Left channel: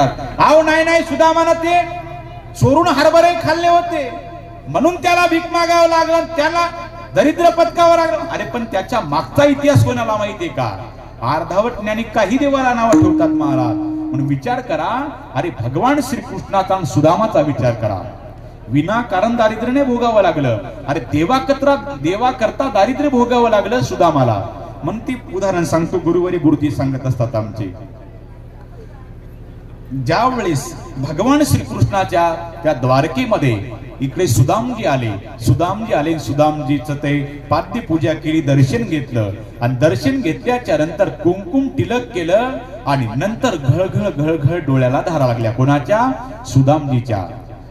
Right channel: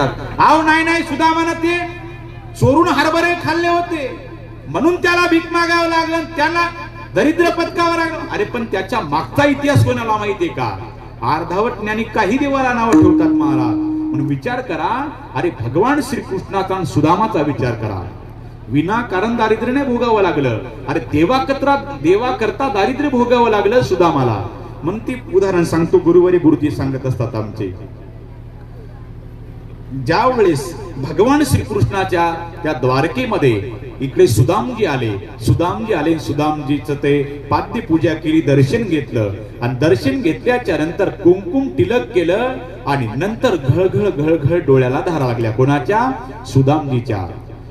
आव नाही सुदामानं ते चोरून हरभरे खाल्ले होते म्हणून त्याला भीक मागावं लागलं, त्याला दरिद्र पत्कावर आलं. अरे पण त्याच्या मागचा इतिहास कोणाला माहितीये का? अर्धावट ज्ञानी काही देवाला नाव ठेवतात महाराज. म्हणून विचार करा, अरे भगवान श्रीकृष्णाचा आणि सुदामाचा विचार करा. विनाकारण दारिद्र्याने भोगावं लागलं. अरे देवा करता दारिद्र्य भोगावं लागलं सुदामाला. म्हणून ती उदाहरण सांगतो, गुरुवारी गुरुजी सांगत असतात आमचे. ज्या वेळेस भगवान श्रीकृष्णाच्या त्या द्वारकेमध्ये इकडे सुदामजी आले, सुदामजीचं ते पाद्य पूजा केली, दर्शन घेतलं आणि दर्शन घेतल्याच्या नंतर कुंकुम तिलक केलं आणि नंतर घळघळ डोळ्याला धारा लागल्या. कोणाच्या?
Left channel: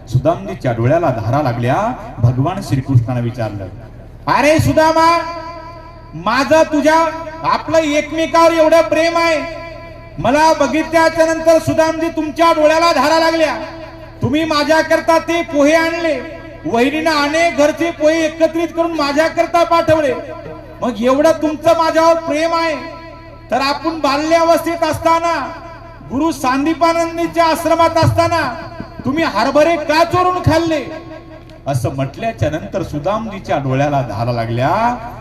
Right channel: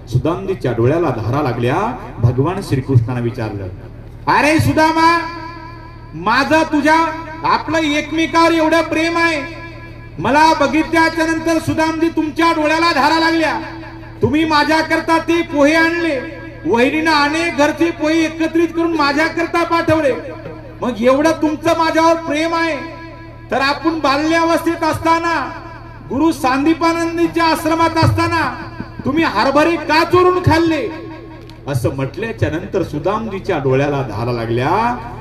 सुदामजीच्या डोळ्याला धारा लागल्या. भगवान श्रीकृष्णाने विचारलं, अरे सुदामा, माझं तुझ्या आपलं एकमेकावर एवढं प्रेम आहे, मला बघितल्याच्या नंतर सुदामजी तुमच्या डोळ्याला धारा लागल्या. तुम्ही माझ्याकरता ते पोहे आणले, वहिनीनं अनेक घरचे पोहे एकत्रित करून माझ्याकरता पाठवले. मग एवढं तुमचं माझ्यावर प्रेम आहे, तर आपण बाल्यावस्थेत असताना गुरु सांदीपानंदीच्या आश्रमात असताना तुम्ही हरभरे का चोरून खाल्ले? असं म्हटल्याच्या नंतर सुदामजीच्या डोळ्याला धारा लागल्या.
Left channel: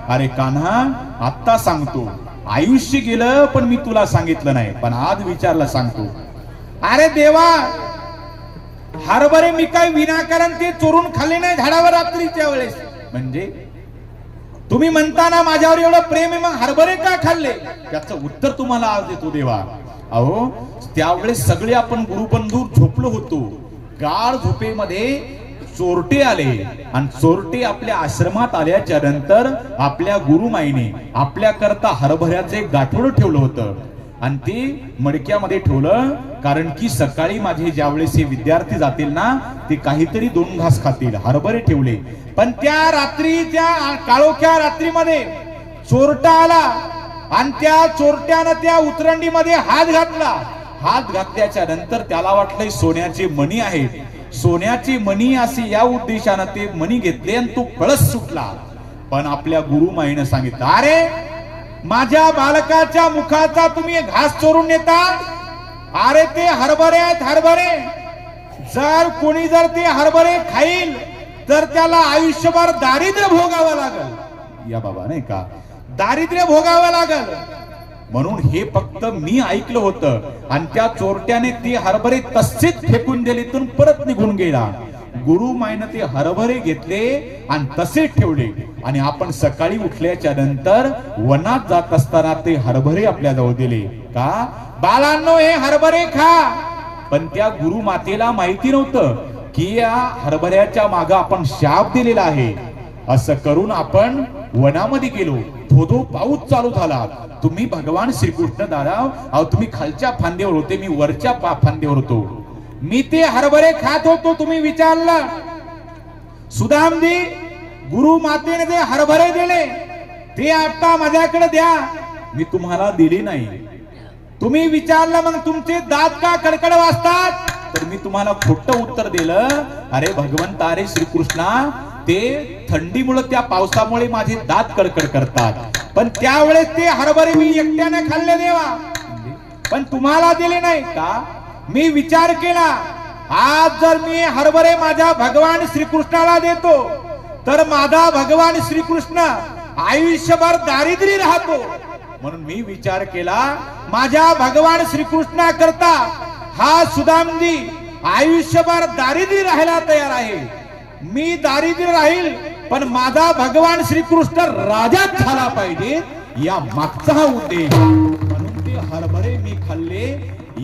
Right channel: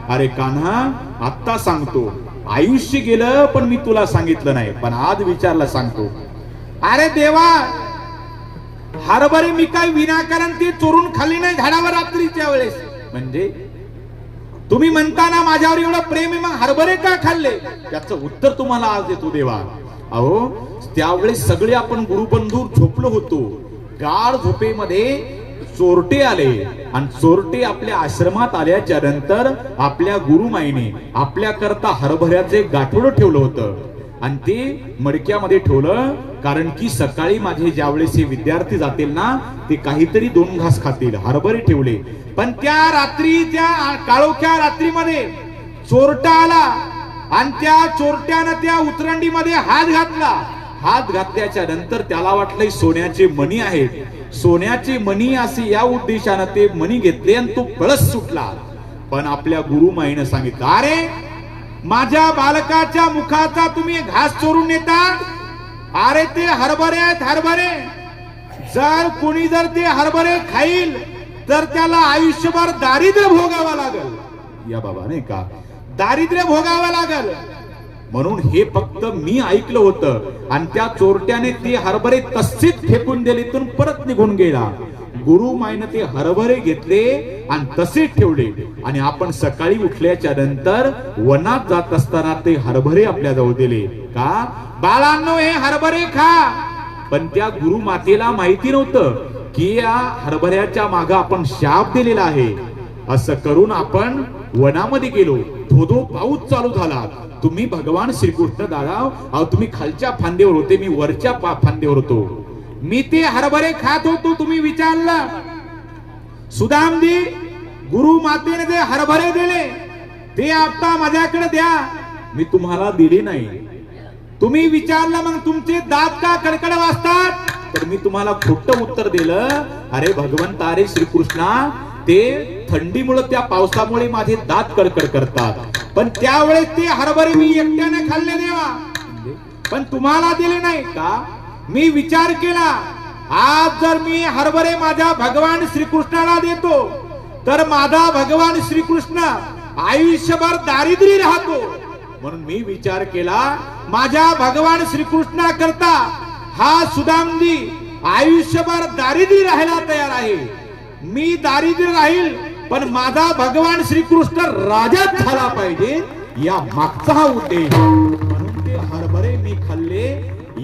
अरे कान्हा, आत्ता सांगतो, आयुष्य गेलं पण मी तुला सांगितलं नाही, पण आज विचारला सांगतो. अरे देवा, हरभरे मी काय विनाकारण ते चोरून खाल्ले नाही झाडावर रात्रीच्या वेळेस. म्हणजे तुम्ही म्हणताना माझ्यावर एवढं प्रेम आहे, मग हरभरे का खाल्ले? त्याचं उत्तर तुम्हाला आज देतो देवा. अहो, त्यावेळेस सगळे आपण गुरुबंधू झोपलो होतो. गाढ झोपेमध्ये चोरटे आले आणि चोरटे आपल्या आश्रमात आल्याच्या नंतर आपल्या गुरुमाईने आपल्या करता हरभऱ्याचे गाठोड ठेवलं होतं आणि ते मडक्यामध्ये ठेवलं. कारण की सकाळी माझे ज्यावेळेस हे विद्यार्थी जातील ना, ते काहीतरी 2 घास खातील. हरभरे ठेवले. पण त्या रात्री, त्या काळोख्या रात्रीमध्ये चोरटा आला आणि त्या चोरट्यानं त्या उतरंडीमध्ये हात घातला. हात घातल्याच्या नंतर त्याला वाटलं सोन्याचे मणी आहेत, सोन्याचे मणी असे या उद्देशानं ते मणी घेतले आणि तो कळस सुटला. पण आपल्या गुरुमाईनं सांगितलं, अरे माझ्या बालकाच्या मुखाचा तुम्ही घास चोरून नेता? अरे ते हरभरे आहेत, हरभरे. जर कोणी जर ते हरभरे खाईल तर त्याला आयुष्यभर दारिद्र्य भोगावं लागल. या बाबा, नाही का, दारिद्र्य भोगावं लागल. म्हणून हे फक्त मी ऐकलं होतं आणि त्या चोरट्याने ते हरभरे तसेच फेकून दिले, तिथून परत निघून गेला. गुरुमाईनं ते हरभरे घेतले आणि तसेच ठेवले. आणि आपण सकाळी उठल्याच्या नंतर वनात जात असताना ते हरभरे आपल्या जवळ दिले. का? बाळांनो, हे हरभरे खा. पण त्या गुरुमातेला माहिती नव्हतं की या हरभऱ्याच्या मागे आपण शाप दिलेला आहे. असं करून आपण वनामध्ये गेलो. धोधो पाऊस चालू झाला. तुम्ही भगवान श्रीकृष्ण दादा, अहो तुम्ही खालच्या फांदीवर होते, मी वरच्या फांदीवर होतो. मी ते हरभरे खात होतो. तुम्ही विचारलं, सुदामजी, गुरु मातेने जे हरभरे दिले ते आता माझ्याकडे द्या. मी तुम्हाला दिले नाही. तुम्ही विचारलं, मग तुमचे दात का कडकड वाजतात? तर मी तुम्हाला खोटं उत्तर दिलं. अरे भगवंत, अरे श्रीकृष्णा, ते थंडीमुळे, त्या पावसामुळे माझे दात कडकड करतात. पण त्यावेळेस ते हरभरे मी एकट्याने खाल्ले देवा, पण तुम्हाला दिले नाही का? मी विचार केला, आज जर मी हरभरे माझ्या भगवान श्रीकृष्णाला देतो तर माझा भगवान श्रीकृष्ण आयुष्यभर दारिद्र्य राहतो. म्हणून मी विचार केला, माझ्या भगवान श्रीकृष्णा करता हा सुदामजी आयुष्यभर दारिद्र्य राहायला तयार आहे. मी दारिद्र्य राहील, पण माझा भगवान श्रीकृष्ण राजाच झाला पाहिजे, या मागचा हा उद्देश. म्हणून ते हरभरे मी खाल्ले,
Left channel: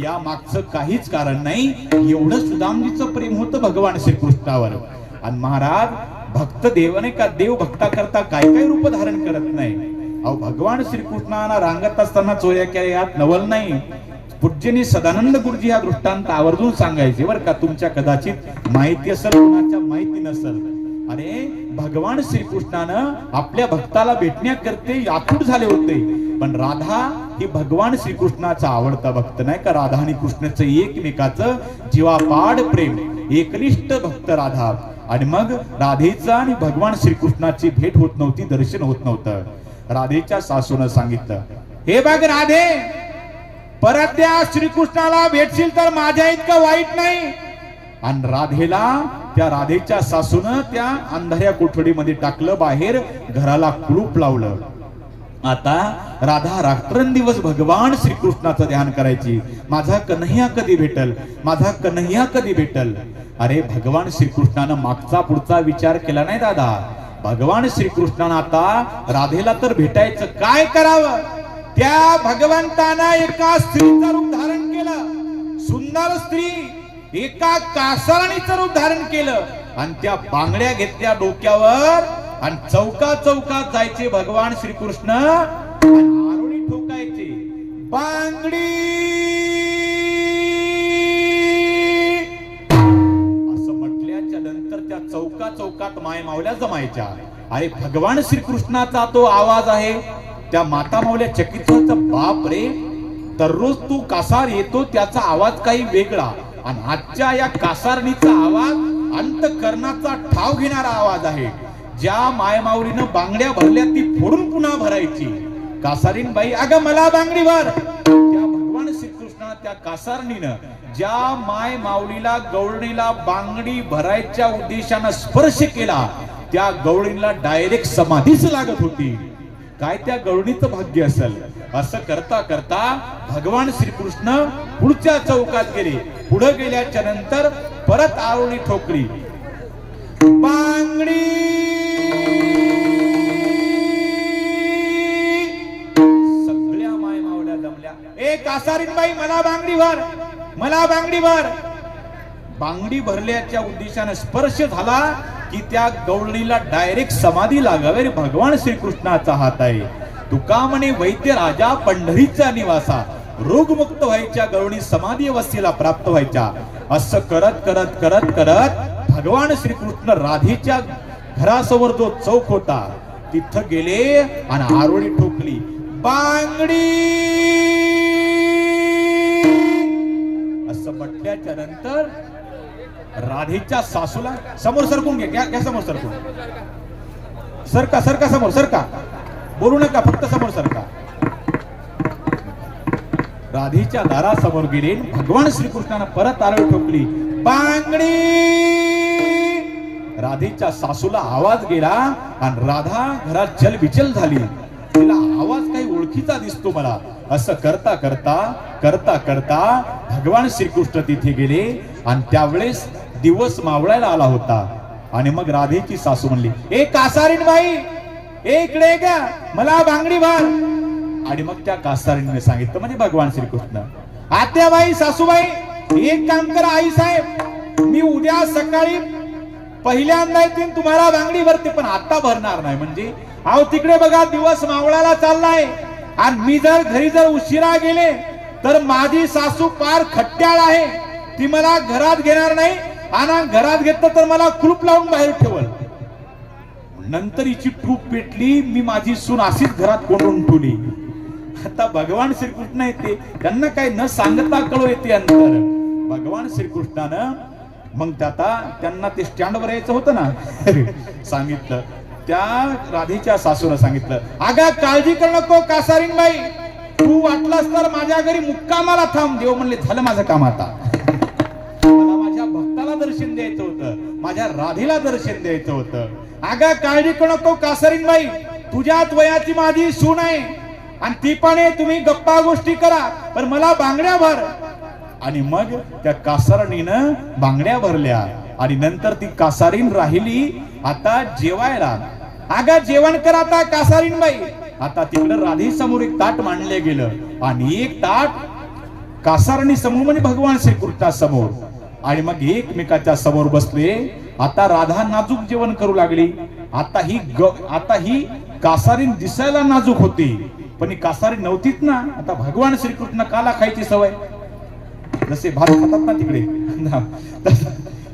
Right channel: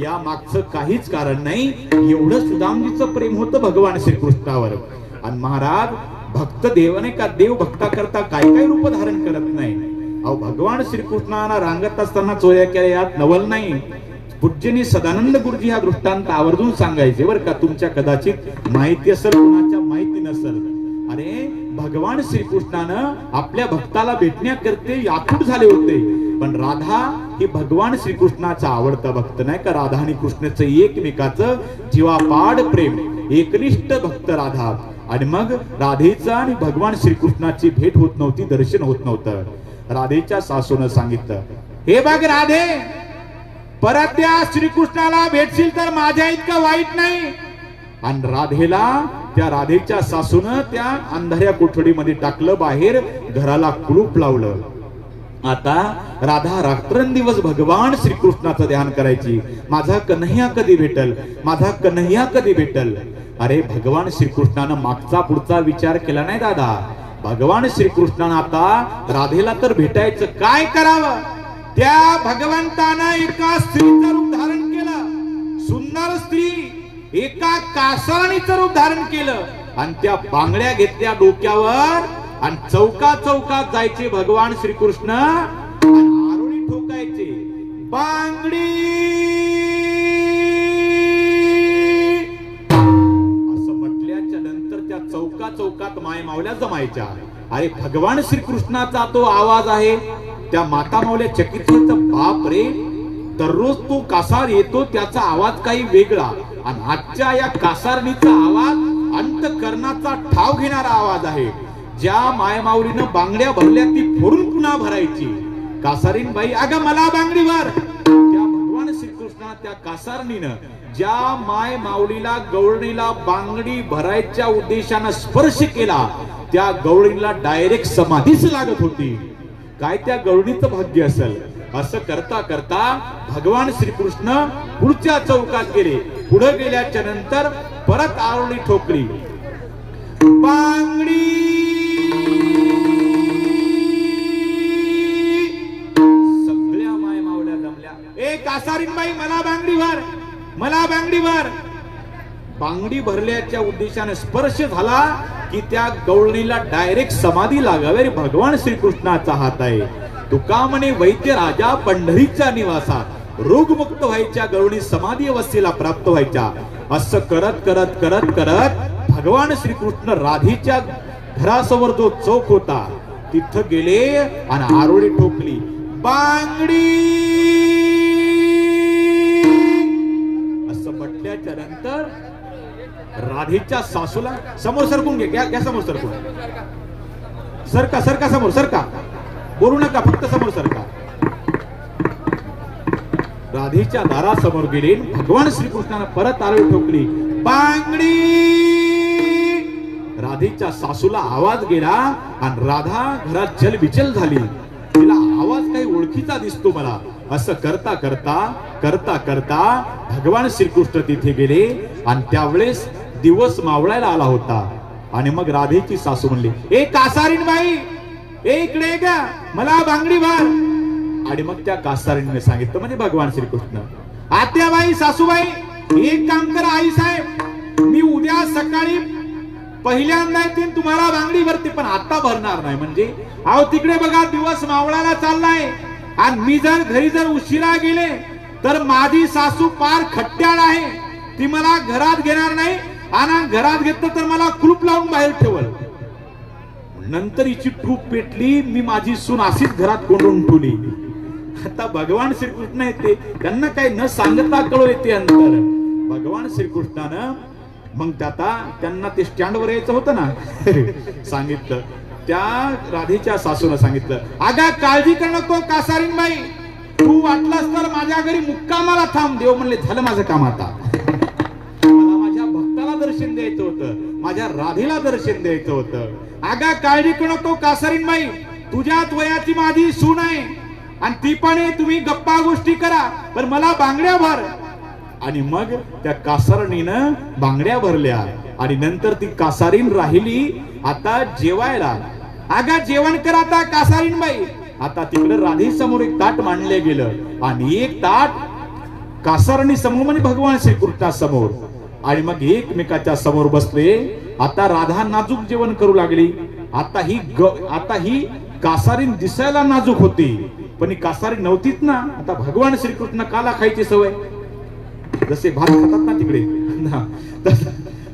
या मागचं काहीच कारण नाही. एवढं सुदामजीचं प्रेम होतं भगवान श्रीकृष्णावर. आणि महाराज, भक्त देवाने का, देव भक्ता करता काय काय रूप धारण करत नाही. अहो, भगवान श्रीकृष्णाला रांगत असताना चोऱ्या केल्या, यात नवल नाही. पूज्यनी सदानंद गुरुजी हा दृष्टांत आवर्जून सांगायचे बरं का. तुमच्या कदाचित माहिती असेल, कोणाच्या माहिती नसेल. अरे भगवान श्रीकृष्णानं आपल्या भक्ताला भेटण्याकरते आतुर झाले होते. पण राधा ही भगवान श्रीकृष्णाचा आवडता भक्त नाही का. राधा आणि कृष्णाचं एकमेकाचं जीवापाड प्रेम, एकनिष्ठ भक्त राधा. आणि मग राधेचा आणि भगवान श्रीकृष्णाची भेट होत नव्हती, दर्शन होत नव्हतं. राधेच्या सासूनं सांगितलं, हे बघ राधे, परत त्या श्रीकृष्णाला भेटशील तर माझ्या इतकं वाईट नाही. आणि राधेला, त्या राधेच्या सासून त्या अंधाऱ्या कोठडीमध्ये टाकलं, बाहेर घराला कुलूप लावलं. आता राधा रात्रंदिवस भगवान श्रीकृष्णाचं ध्यान करायची. माझा कन्हैया कधी भेटल, माझा कन्हैया कधी भेटल. अरे भगवान श्रीकृष्णानं मागचा पुढचा विचार केला नाही दादा. भगवान श्रीकृष्णानं आता राधेला तर भेटायचं, काय करावं. त्या भगवंतानं एका स्त्रीचं रूप धारण केलं, सुंदर स्त्री, एका कासरणीचं रूप धारण केलं आणि त्या बांगड्या घेतल्या डोक्यावर आणि चौका चौकात जायचे भगवान श्रीकृष्ण, आरोळी ठोकायचे. बांगडी असं म्हटल्याच्या नंतर त्या चौका चौकात माय मावल्या जमायच्या. अरे भगवान श्रीकृष्णाचा तो आवाज आहे. त्या माता मावल्या चकित होत, बाप रे, दररोज तो कासार येतो, त्याचा आवाज काही वेगळा, आणि आजच्या या कासारणीचा आवाज अंतःकरणाचा ठाव घेणारा आवाज आहे. ज्या मायमाऊलीनं बांगड्या भरल्या ती फोडून पुन्हा भरायची. कासारीन बाई, अगं मला बांगडी भर. त्या भगवान श्रीकृष्णा त्या कासारणीनं ज्या माय माऊलीला, गवळणीला बांगडी भरायच्या उद्देशानं स्पर्श केला, त्या गवळणीला डायरेक्ट समाधीच लागत होती. काय त्या गवळणीचं भाग्य असेल. असं करता करता भगवान श्रीकृष्ण पुढच्या चौकात गेले. पुढे गेल्याच्या नंतर परत आरोळी ठोकली. बांगडी, सगळ्या माय मावल्या जमल्या. ए कासारीन बाई, मला बांगडी भर, मला बांगडी भर. बांगडी भरल्याच्या उद्देशाने स्पर्श झाला की त्या गवळणीला डायरेक्ट समाधी लागावी. भगवान श्रीकृष्णाचा हात आहे. तुका म्हणे वैद्य राजा पंढरीचा निवासा, रोगमुक्त व्हायच्या गवळणी समाधी अवस्थेला प्राप्त व्हायच्या. असं करत करत करत करत भगवान श्रीकृष्ण राधेच्या घरासमोर जो चौक होता तिथं गेले आणि आरोळी ठोकली. बांगडी असं म्हटल्याच्या नंतर राधेच्या सासूला, समोर सरकून घ्या समोर सरकून, सरका सरका समोर सरका, बोलू नका, फक्त समोर सरका. राधेच्या दारासमोर गेले. भगवान श्रीकृष्णाने परत आरोळी ठोकली. बांगडी. राधेच्या सासूला आवाज गेला आणि राधा घरात चलबिचल झाली. तिला आवाज काही ओळखीचा दिसतो मला. असं करता करता करता करता भगवान श्रीकृष्ण तिथे गेले आणि त्यावेळेस दिवस मावळायला आला होता. आणि मग राधेची सासू म्हणली, ए कासारीन बाई, इकडे का, मला बांगडी भर. आणि मग त्या कासारीने सांगितलं, म्हणजे भगवान श्रीकृष्ण, आत्याबाई, सासूबाई, एक काम करा आई साहेब, मी उद्या सकाळी पहिल्यांदा येतील, तुम्हाला बांगडी भरते, पण आता भरणार नाही. म्हणजे अहो तिकडे बघा दिवस मावळायला चाललाय आणि मी जर घरी जर उशिरा गेले तर माझी सासू पार खट्ट्याळ आहे. ती मला घरात घेणार नाही आणि घरात घेतलं तर मला कुलूप लावून बाहेर ठेवल. नंतर हिची टूप पेटली. मी माझी सून अशीच घरात कोंडून ठेवली. आता भगवान श्रीकृष्ण येते, त्यांना काही न सांगता कळू येते अंतर. भगवान श्रीकृष्णानं मग त्यांना ते स्टँडवर यायचं होतं ना, सांगितलं. त्या राधेच्या सासूला सांगितलं, अगं काळजी करू नको कासारीन बाई, तू वाटलास तर माझ्या घरी मुक्कामाला थांब. देव म्हणले, झालं माझं काम आता. मला माझ्या भक्ताला दर्शन द्यायचं होतं, माझ्या राधेला दर्शन द्यायचं होतं. अगं काळजी करू नको कासारीन बाई, तुझ्यात वयाची माझी सून आहे आणि ती पण आहे, तुम्ही गप्पा गोष्टी करा, पण मला बांगड्या भर. आणि मग त्या कासारणीनं बांगड्या भरल्या आणि नंतर ती कासारीन राहिली आता जेवायला. अगं जेवण कर आता कासारीन बाई. आता तिकडे राधे समोर एक ताट मांडले गेलं आणि एक ताट कासारणी समोर, म्हणजे भगवान श्रीकृष्णा समोर. आणि मग एकमेकाच्या समोर बसले. आता राधा नाजूक जेवण करू लागली. आता ही कासारीन दिसायला नाजूक होती, पण ही कासारीन नव्हतीच ना. आता भगवान श्रीकृष्ण काला खायची सवय, जसे भात खातात ना तिकडे,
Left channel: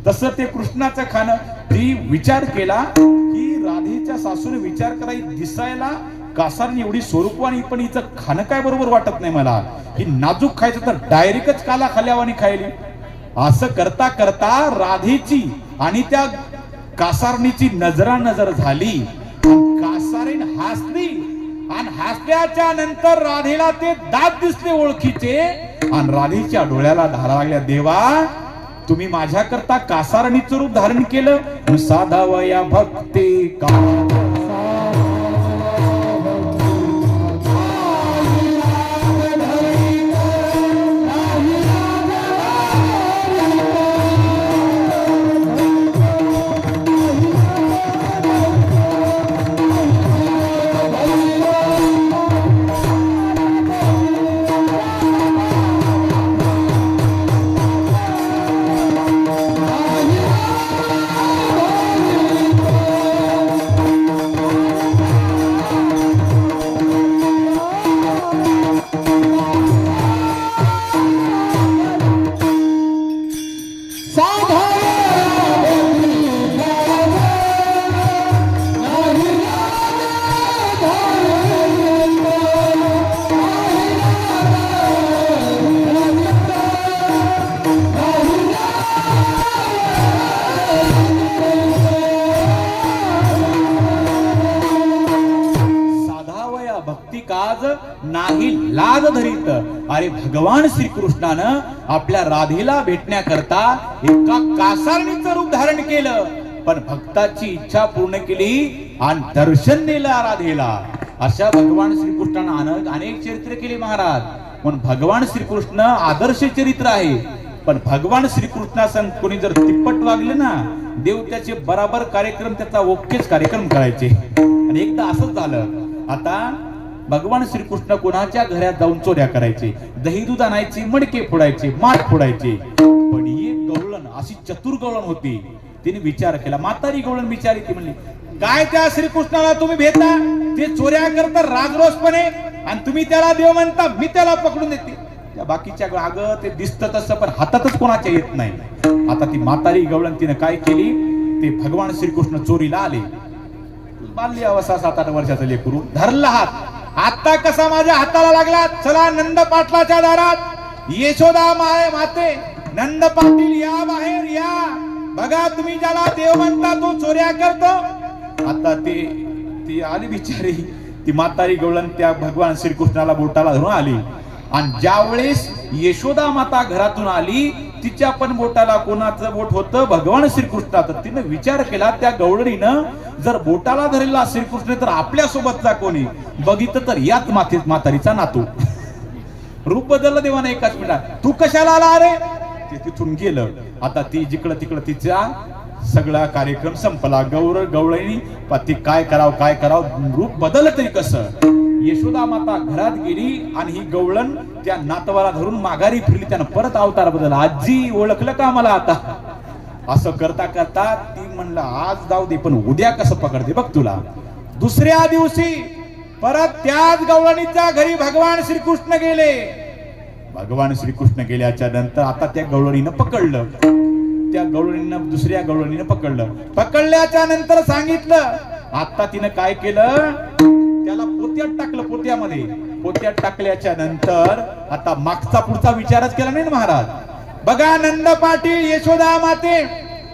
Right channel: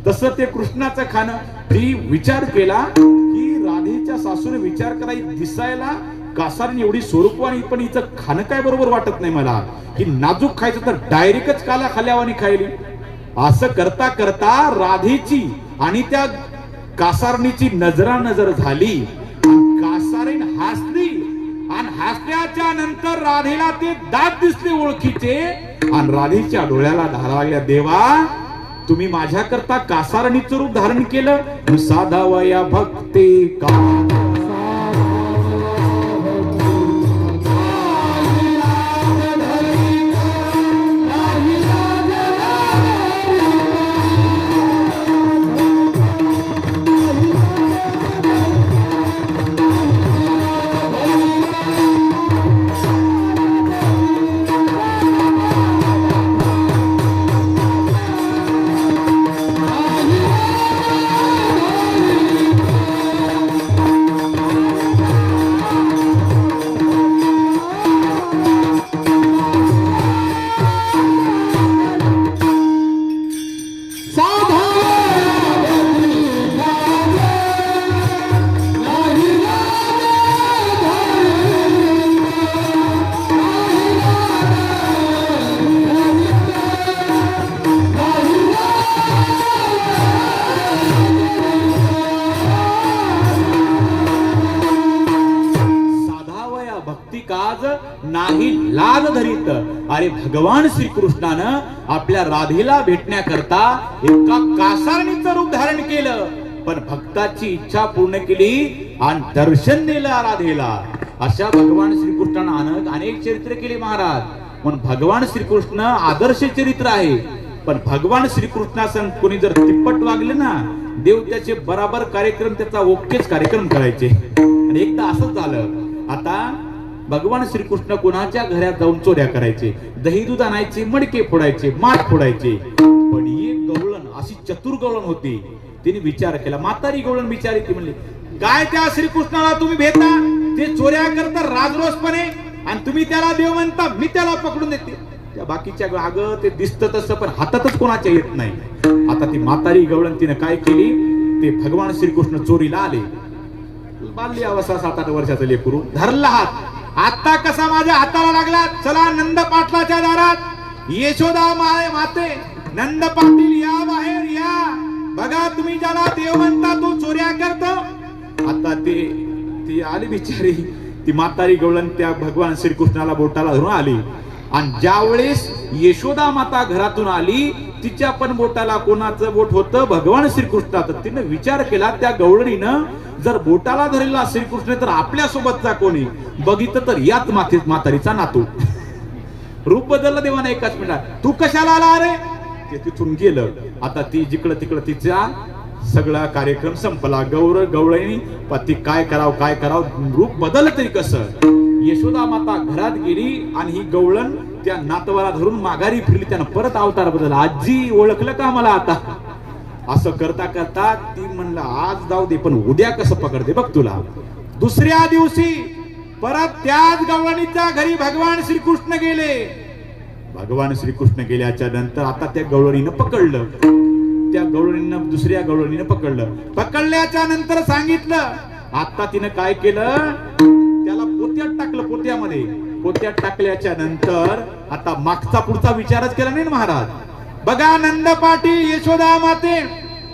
तसं ते कृष्णाचं खाणं. ती विचार केला की राधेच्या सासूने विचार करा, दिसायला कासारीन एवढी स्वरूपवानी, पण हिचं खाणं काय बरोबर वाटत नाही मला. ही नाजूक खायचं तर डायरेक्टच काला खाल्यावानी खायली. असं करता करता राधेची आणि त्या कासारणीची नजरानजर झाली. कासारीन हसली आणि दिसल्याच्या नंतर राधेला ते दात दिसले ओळखीचे आणि राधेच्या डोळ्याला धारा लागल्या, देवा तुम्ही माझ्याकरता कासारणीचं रूप धारण केलं, साधावया भक्ती का नाही लाज धरीत. अरे भगवान श्रीकृष्णानं आपल्या राधेला भेटण्याकरता एका कासारणीचं रूप धारण केलं, पण भक्ताची इच्छा पूर्ण केली आणि दर्शन दिलं राधेला. अशा भगवान श्रीकृष्णानं अनेक चरित्र केली महाराज. पण भगवान श्रीकृष्ण आदर्श चरित्र आहे. पण भगवान श्रीकृष्णासन कोणी जर तिप्पट वागले ना, देव त्याचे बराबर कार्यक्रम, त्याचा ओकेच कार्यक्रम करायचे. आणि एकदा असंच झालं. आता भगवान श्रीकृष्ण कोणाच्या घरात जाऊन चोऱ्या करायचे, दही दूध आणायचे, मडके फोडायचे, माठ फोडायचे. पण एक गवळण अशी चतुर गवळण होती, तिने विचार केला. म्हातारी गवळण विचार की म्हणली, काय त्या श्रीकृष्णाला तुम्ही भेटा, ते चोऱ्या करता राजरोसपणे आणि तुम्ही त्याला देव म्हणता, मी त्याला पकडून देते. त्या बाकीच्या अगं ते दिसतं तसं, पण हातातच कोणाच्या येत नाही. आता ती म्हातारी गवळण तिने काय केली, ते भगवान श्रीकृष्ण चोरीला आले. बाल्य अवस्था 7-8 वर्षाचं लेकरू, धरला हात. आता कसा माझ्या हाताला लागला, चला नंद पाटलाच्या दारात, यशोदा माते, नंद पाटील या बाहेर या, बघा तुम्ही ज्याला देव म्हणता तो चोऱ्या करतो. आता ती आली बिचारी, ती म्हातारी गवळण त्या भगवान श्रीकृष्णाला बोटाला धरून आली. आणि ज्यावेळेस यशोदा माता घरातून आली, तिच्या पण बोटाला कोणाचं बोट होतं, भगवान श्रीकृष्णाचं. तिने विचार केला, त्या गवळणीनं जर बोटाला धरलेला श्रीकृष्ण तर आपल्या सोबतचा कोणी बघितलं तर याच म्हातारीचा नातू. रूप बदललं देवाने एकाच मिनिटात. तू कशाला आला रे, ते तिथून गेलं. आता ती जिकडं तिकडं तिचा सगळा कार्यक्रम संपला. गवळणी ती काय करावं, रूप बदललं तरी कसं. यशोदा माता घरात गेली आणि ही गवळण त्या नातवाला धरून माघारी फिरली. त्यानं परत अवतार बदलला. आजी ओळखलं का मला आता. असं करता करता ती म्हणलं, आज जाऊ दे पण उद्या कसं पकडते बघ तुला. दुसऱ्या दिवशी परत त्याच गवळणीच्या घरी भगवान श्रीकृष्ण गेले. भगवान श्रीकृष्ण गेल्याच्या नंतर आता त्या गवळणीनं पकडलं. त्या गवळणीनं दुसऱ्या गवळणीनं पकडलं. पकडल्याच्या नंतर सांगितलं. आता तिनं काय केलं, त्याला पोत्यात टाकलं. पोत्यात टाकल्याच्या नंतर आता मागचा पुढचा विचारच केला नाही महाराज. बघा नंद पाटील, यशोदा माते,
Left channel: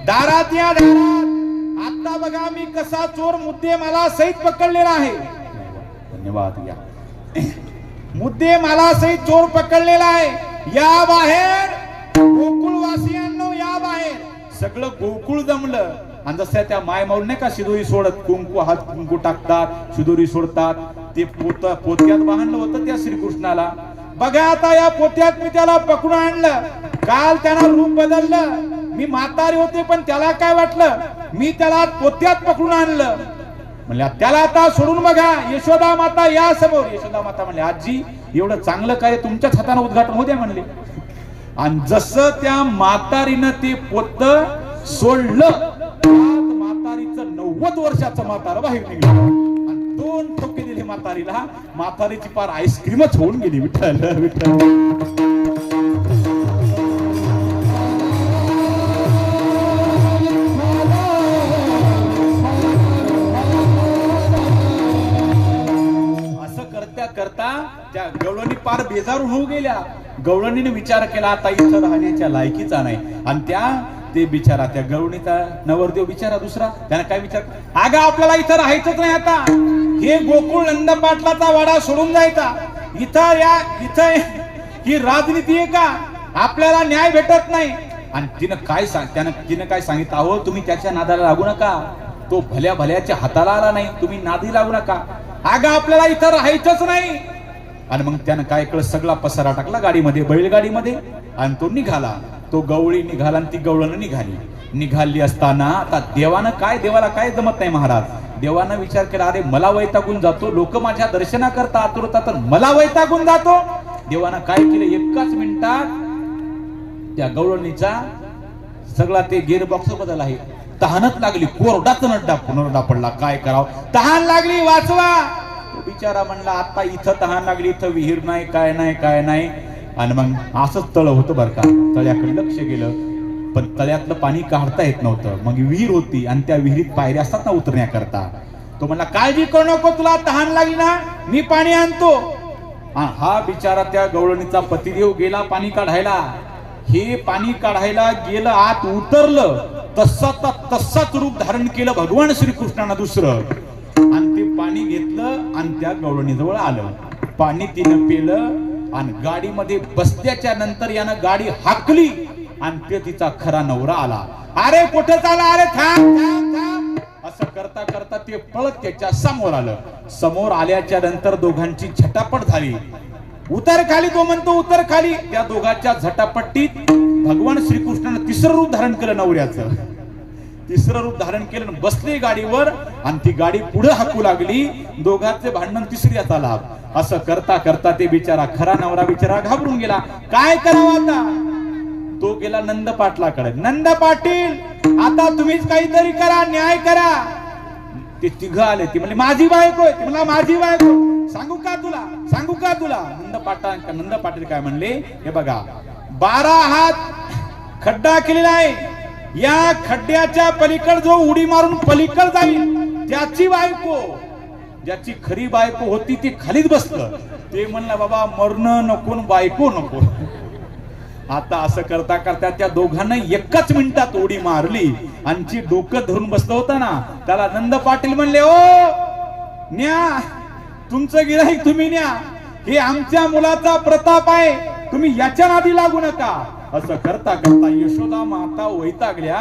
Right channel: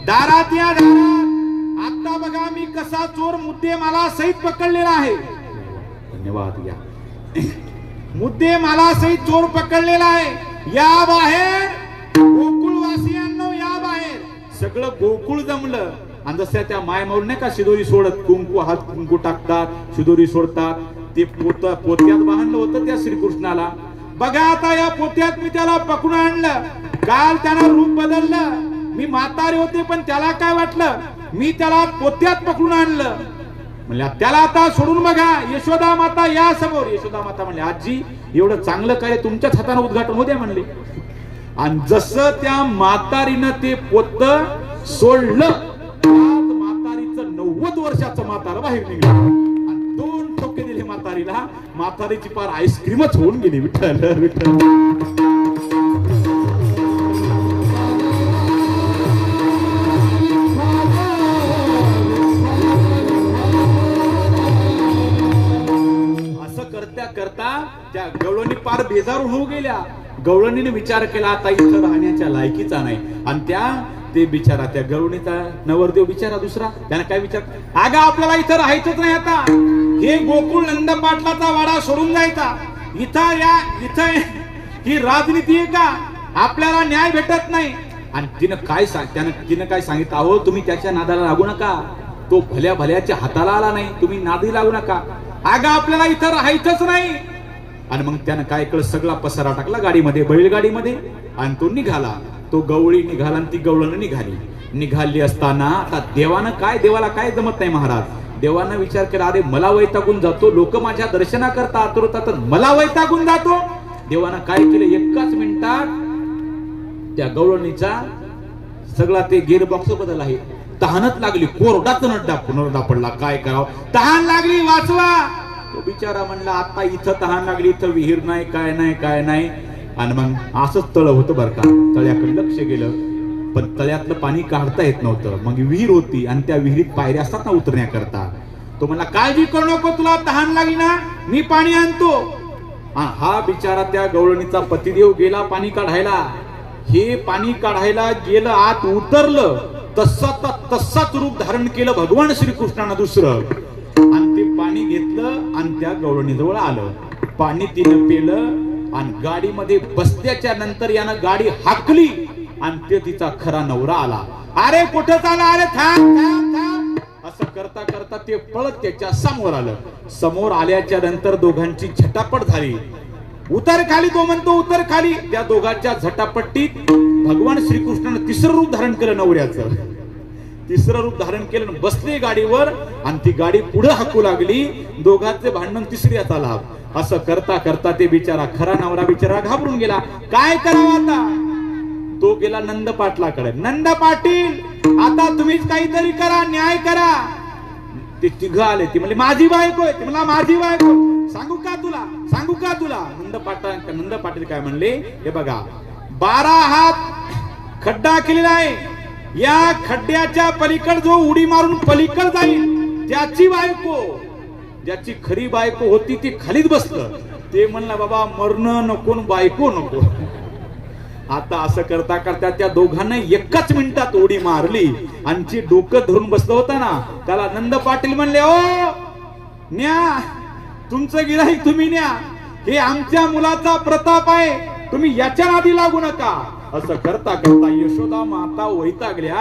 दारात या दारात. आता बघा मी कसा चोर मुद्दे मला सहित पकडलेला आहे. धन्यवाद. या मुद्दे मला सहित चोर पकडलेला आहे. या बाहेर गोकुळवासियांनो, या बाहेर. सगळं गोकुळ जमलं. आणि जसं त्या मायमौल नाही का शिदोरी सोडत, कुंकू हात कुंकू टाकतात, शिदोरी सोडतात, ते पोत्यात बांधलं होतं त्या श्रीकृष्णाला. बघा आता या पोत्यात मी त्याला पकडून आणलं. काल त्यानं रूप बदललं. मी म्हातारी होते पण त्याला काय वाटलं, मी त्याला पोत्यात पकडून आणलं. म्हणल्या त्याला आता सोडून बघा. यशोदा माता या समोर. यशोदा माता म्हणले, आजी एवढं चांगलं काय तुमच्याच हाताने उद्घाटन होते म्हणले. आणि जसं त्या म्हातारीनं ते पोत सोडलं, म्हातारीचं 90 वर्षाचं म्हातारं बाहेर निघलं. आणि 2 ठोके दिले म्हातारीला. म्हातारीची पार आईस्क्रीमच होऊन गेली. विठ्ठल विठ्ठल. असं करता करता त्या गवळणी पार बेजारून होऊन गेल्या. गवळणीने विचार केला, आता इथं राहण्याच्या लायकीचा नाही. आणि त्या ते बिचारा त्या गरुणीचा नवरदेव बिचारा दुसरा त्याला काय विचार, अगं आपल्याला इथं राहायचंच नाही आता, हे गोकुळ नंद पाटलाचा वाडा सोडून जायचा, इथं ही राजनीती आहे का, आपल्याला न्याय भेटत नाही. आणि तिनं काय सांगितलं, अहो तुम्ही त्याच्या नादाला लागू नका, तो भल्या भल्याच्या हाताला आला नाही, तुम्ही नादी लागू नका, अगं आपल्याला इथं राहायचंच नाही. आणि मग त्यानं काय केलं, सगळा पसारा टाकला गाडीमध्ये, बैलगाडीमध्ये, आणि तो निघाला. तो गवळी निघाला आणि ती गवळण निघाली असताना आता देवाला काय जमत नाही महाराज. देवानं विचार केला, अरे मला वैतागून जातो, लोक माझ्या दर्शनाकरता आतुर होतात, मला वैतागून जातो. देवानं काय केलं, एकाच मिनिटात त्या गवळणीचा सगळा ते गिअरबॉक्स बदल आहे, तहानच लागली, कोरडाच नरडा पडला. काय करावं, तहान लागली, वाचवा. तो बिचारा म्हणला, आता इथं तहान लागली, इथं विहीर नाही, काय नाही. आणि मग असंच तळ होतं बरं का, तळ्याकडे लक्ष गेलं, पण तळ्यातलं पाणी काढता येत नव्हतं. मग विहीर होती आणि त्या विहिरीत पायऱ्या असतात ना उतरण्याकरता. तो म्हणला, काळजी करू नको, तुला तहान लागली ना, मी पाणी आणतो. हा बिचारा त्या गवळणीचा पतिदेव गेला पाणी काढायला. हे पाणी काढायला गेलं, आत उतरलं, तसाच रूप धारण केलं भगवान श्रीकृष्णानं दुसरं, आणि ते पाणी घेतलं आणि त्या गवळणीजवळ आलं. पाणी तिनं पेलं आणि गाडीमध्ये बसल्याच्या नंतर यानं गाडी हाकली आणि ते तिचा खरा नवरा आला. अरे कुठं चाला, अरे थांब. असं करता करता ते पळत त्याच्या समोर आलं. समोर आल्याच्या नंतर दोघांची झटापट झाली. उतर खाली, तो म्हणतो उतर खाली. त्या दोघांच्या झटापट्टीत भगवान श्रीकृष्णानं तिसरं रूप धारण केलं, नवऱ्याचं तिसरं रूप धारण केलं, बसली गाडीवर आणि ती गाडी पुढे हाकू लागली. दोघांचे भांडण तिसऱ्याचा लाभ. असं करता करता ते बिचारा खरा नवरा बिचारा घाबरून गेला. काय करावं आता, तो गेला नंद पाटलाकडे. नंद पाटील, आता तुम्हीच काहीतरी करा, न्याय करा. ते तिघ आले, ती म्हणजे माझी बायको आहे, ते मला माझी बायको, सांगू का तुला. नंद पाटील काय म्हणले, हे बघा 12 हात खड्डा केलेला आहे, या खड्ड्याच्या पलीकड जो उडी मारून पलीकड जाईल त्याची बायको, ज्याची खरी बायको होती ती खालीच बसलं. ते म्हणला, बाबा मरण नको, बायको नको. आता असं करता करता त्या दोघांना एकाच मिनिटात उडी मारली आणि जी डोकं धरून बसलं होतं ना, त्याला नंद पाटील म्हणले, ओ न्या, तुमचं गिऱ्हाईक तुम्ही न्या, हे आमच्या मुलाचा प्रताप आहे, तुम्ही याच्या नादी लागू नका. असं करता करता यशोदा माता वैतागल्या.